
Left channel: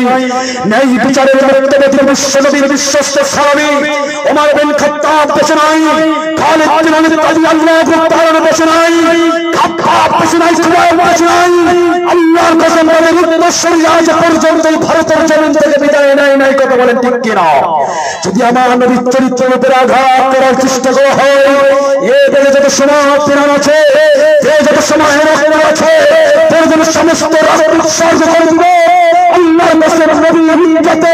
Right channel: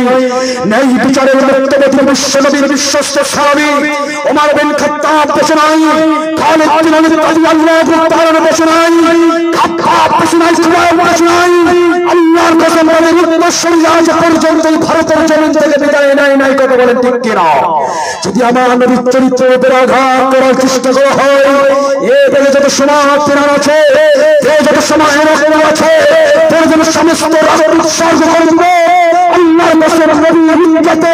নেই বিচারের মর্যাদা বিশ্বনবীর বিশ্বস্ত সাহাবী ওমর বিন খাত্তাব দেশে নাই, খালিদ বিন ওয়ালিদ রাদিয়াল্লাহু তাআলা দেশে নাই, খাত্তাব দেশে নাই, সুবাইর দেশে নাই। আল্লাহর কসম নবীর উম্মতের আজ পর্যন্ত ভারতের জমিন থেকে বিদায় নাই। কথা বলেন ঠিক কিনা? যদি আমার নবীর চরিত্রের উপর আঘাত করার চেষ্টা করা হয়, এ দেশে যত সমাজ প্রাণ আছে, যত সমাজ আছে, সমস্ত রাষ্ট্রিক সাহায্য আল্লাহর কসম নবীর ইজ্জতে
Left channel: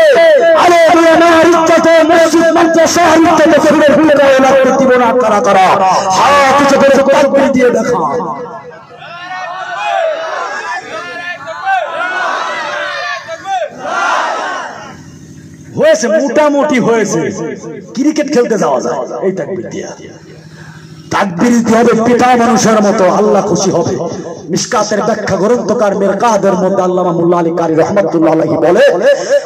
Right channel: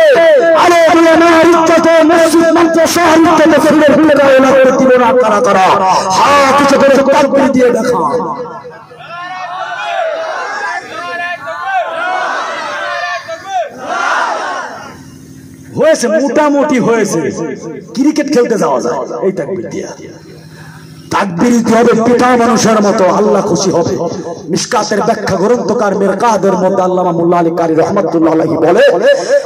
আরে আমার ইজ্জতে মসজিদ মাদ্রাসা ইজ্জতে ফিরে ফিরে যায় না করতে না করা করা হাত কিছু করে তাকবীর দিয়ে দেখা। হয়েছে মোটামুটি হয়েছে, ক্রিকেট খেলতে যাওয়া যায় এই তাকবীর দিয়ে। তাকবীর দিতে হবে পিতা মানুষের মতো, আল্লাহ খুশি হবে। মিশকাতের ব্যাখ্যা গ্রন্থকার মিরকাদের মধ্যে আল্লামা মোল্লা আলী কারি রাহমাতুল্লাহ আলাইহি বলে,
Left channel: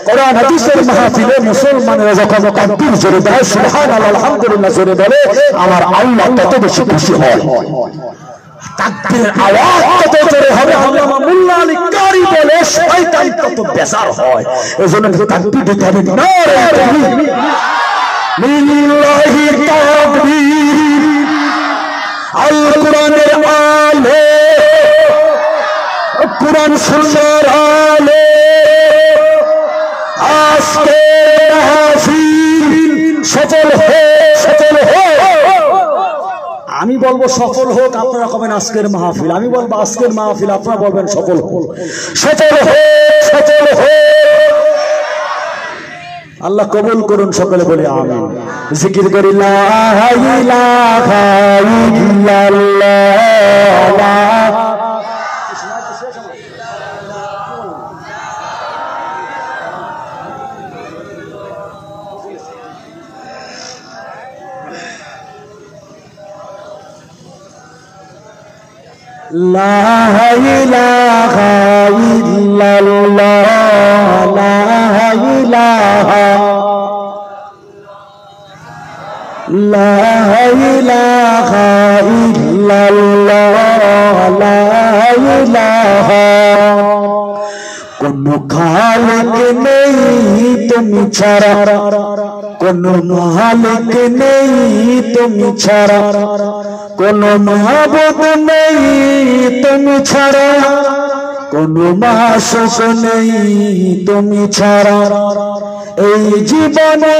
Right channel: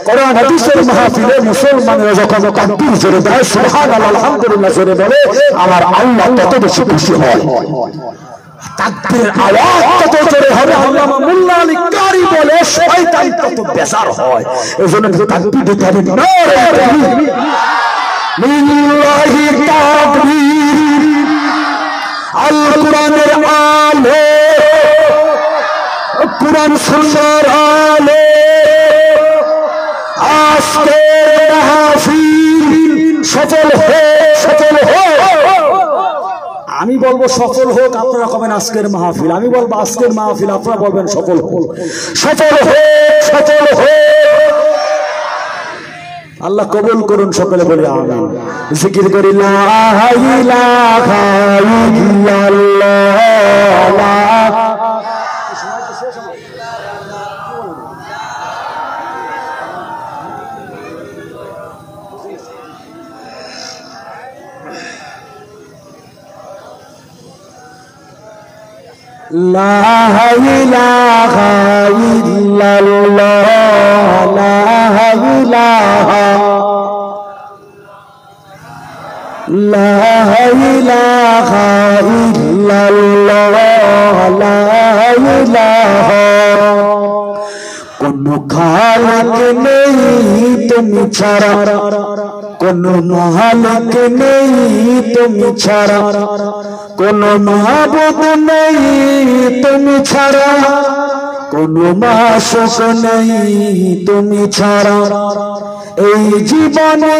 কোরআন হাদিসের মাহফিলে মুসলমানরা যখন তাকবীর জোরে দেয়, সুবহানাল্লাহ আলহামদুলিল্লাহ জোরে বলে, আমার আল্লাহ তত বেশি খুশি হয়। তাকবীরের আওয়াজ কত জোরে হবে, আল্লামা মোল্লা আলী কারি বলে, শয়তান তত বেজার হয়। এজন্য তাকবীর দিতে হবে। লিল্লাহি তাকবীর, আল কোরআনের আলো, কোরআন সুন্নাহর আলো, আজকে মাহফিল সফল হোক। আমি বলবো সফল হোক, আপনারা কবেন আজকের মাহফিল। আমি বলবো আজকের মাহফিল, আপনারা বলবেন সফল হোক। সফল হোক। আল্লাহ কবুল করুন, সকলে বলে আমিন। জিকির করি লা ইলাহা ইল্লাল্লাহ, লা ইলাহা ইল্লাল্লাহ, লা ইলাহা, লা ইলাহা ইল্লাল্লাহ, লা ইলাহা। কোন খালিক নেই তুমি ছাড়া, কোন মালিক নেই তুমি ছাড়া, কোন মাবুদ নেই তুমি ছাড়া, কোন মাসুক নেই তুমি ছাড়া। এই জীবনে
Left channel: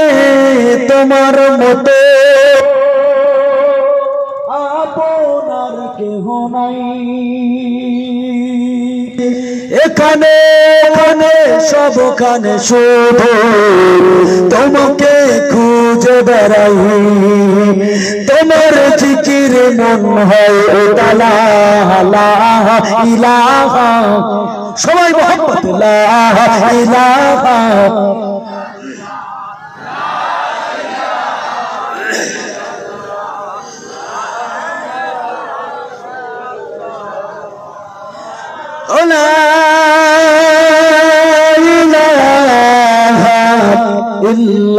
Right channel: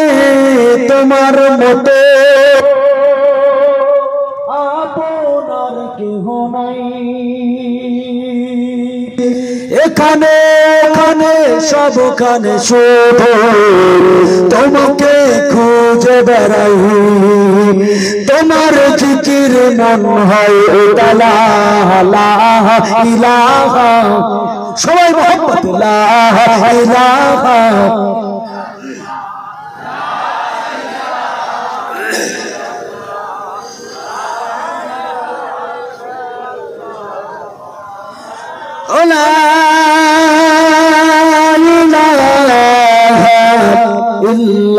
তোমার মতো আপনার কেহ নাই। এখানে সবখানে শুধু তোমাকে খুঁজে বেড়াই, তোমার জিকির মন হয় লা ইলাহা, সবাই মোহাম্মদ লা ইলাহা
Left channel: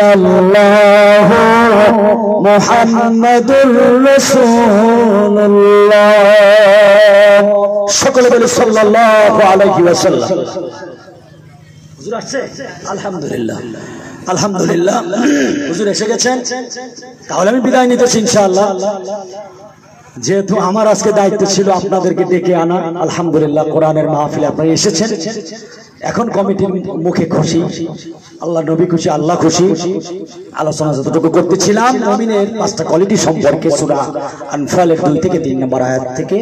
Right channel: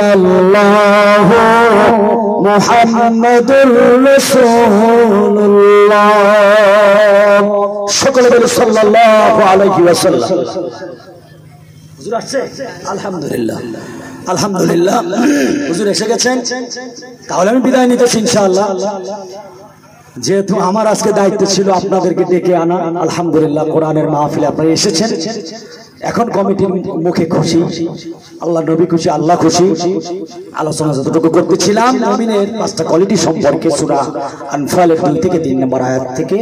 ইল্লাল্লাহ মুহাম্মাদুর রাসূলুল্লাহ। সকলে বলি সাল্লাল্লাহু আলাইহি ওয়াসাল্লাম। হুজুর আসছে? আলহামদুলিল্লাহ, আলহামদুলিল্লাহ। হুজুর এসে গেছেন, তাহলে আমি বিদায় নিতেছি ইনশাআল্লাহ। যেহেতু আমার আজকে দায়িত্ব ছিল আপনাদেরকে ডেকে আনা, আলহামদুলিল্লাহ কোরআনের মাহফিলে আপনারা এসেছেন। এখন কমিটির মুখে খুশি, আল্লাহ নবী খুশি, আল্লাহ খুশি। আলোচনা যতটুকু করতেছিলাম মুমিনের 5টা কোয়ালিটি সম্পর্কে সূরা আনফালের 2 থেকে 3 নম্বর আয়াত থেকে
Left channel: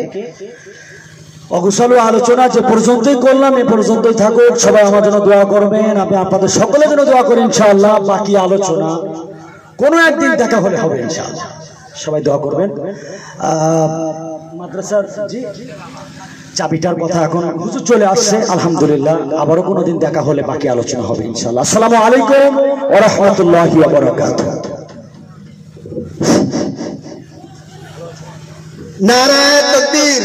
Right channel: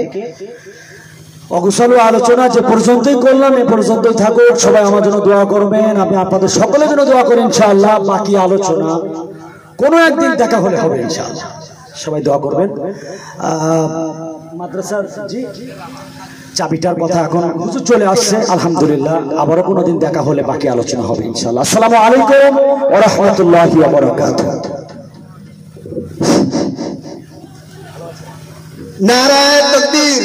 অগোছালো আলোচনা যে পর্যন্তই করলাম, এ পর্যন্তই থাকুক। সবাই আমার জন্য দোয়া করবেন, আমি আপনাদের সকলের জন্য দোয়া করি ইনশাআল্লাহ। বাকি আলোচনা কোনো একদিন দেখা হলে হবে ইনশাআল্লাহ, সবাই দোয়া করবেন। মাদ্রাসার জি চাবিটার কথা এখন হুজুর চলে আসছে, আলহামদুলিল্লাহ। আবারও কোনোদিন দেখা হলে বাকি আলোচনা হবে ইনশাআল্লাহ। আসসালামু আলাইকুম ওয়া রাহমাতুল্লাহি ওয়া বারাকাতুহু। নারায়ে তাকবীর।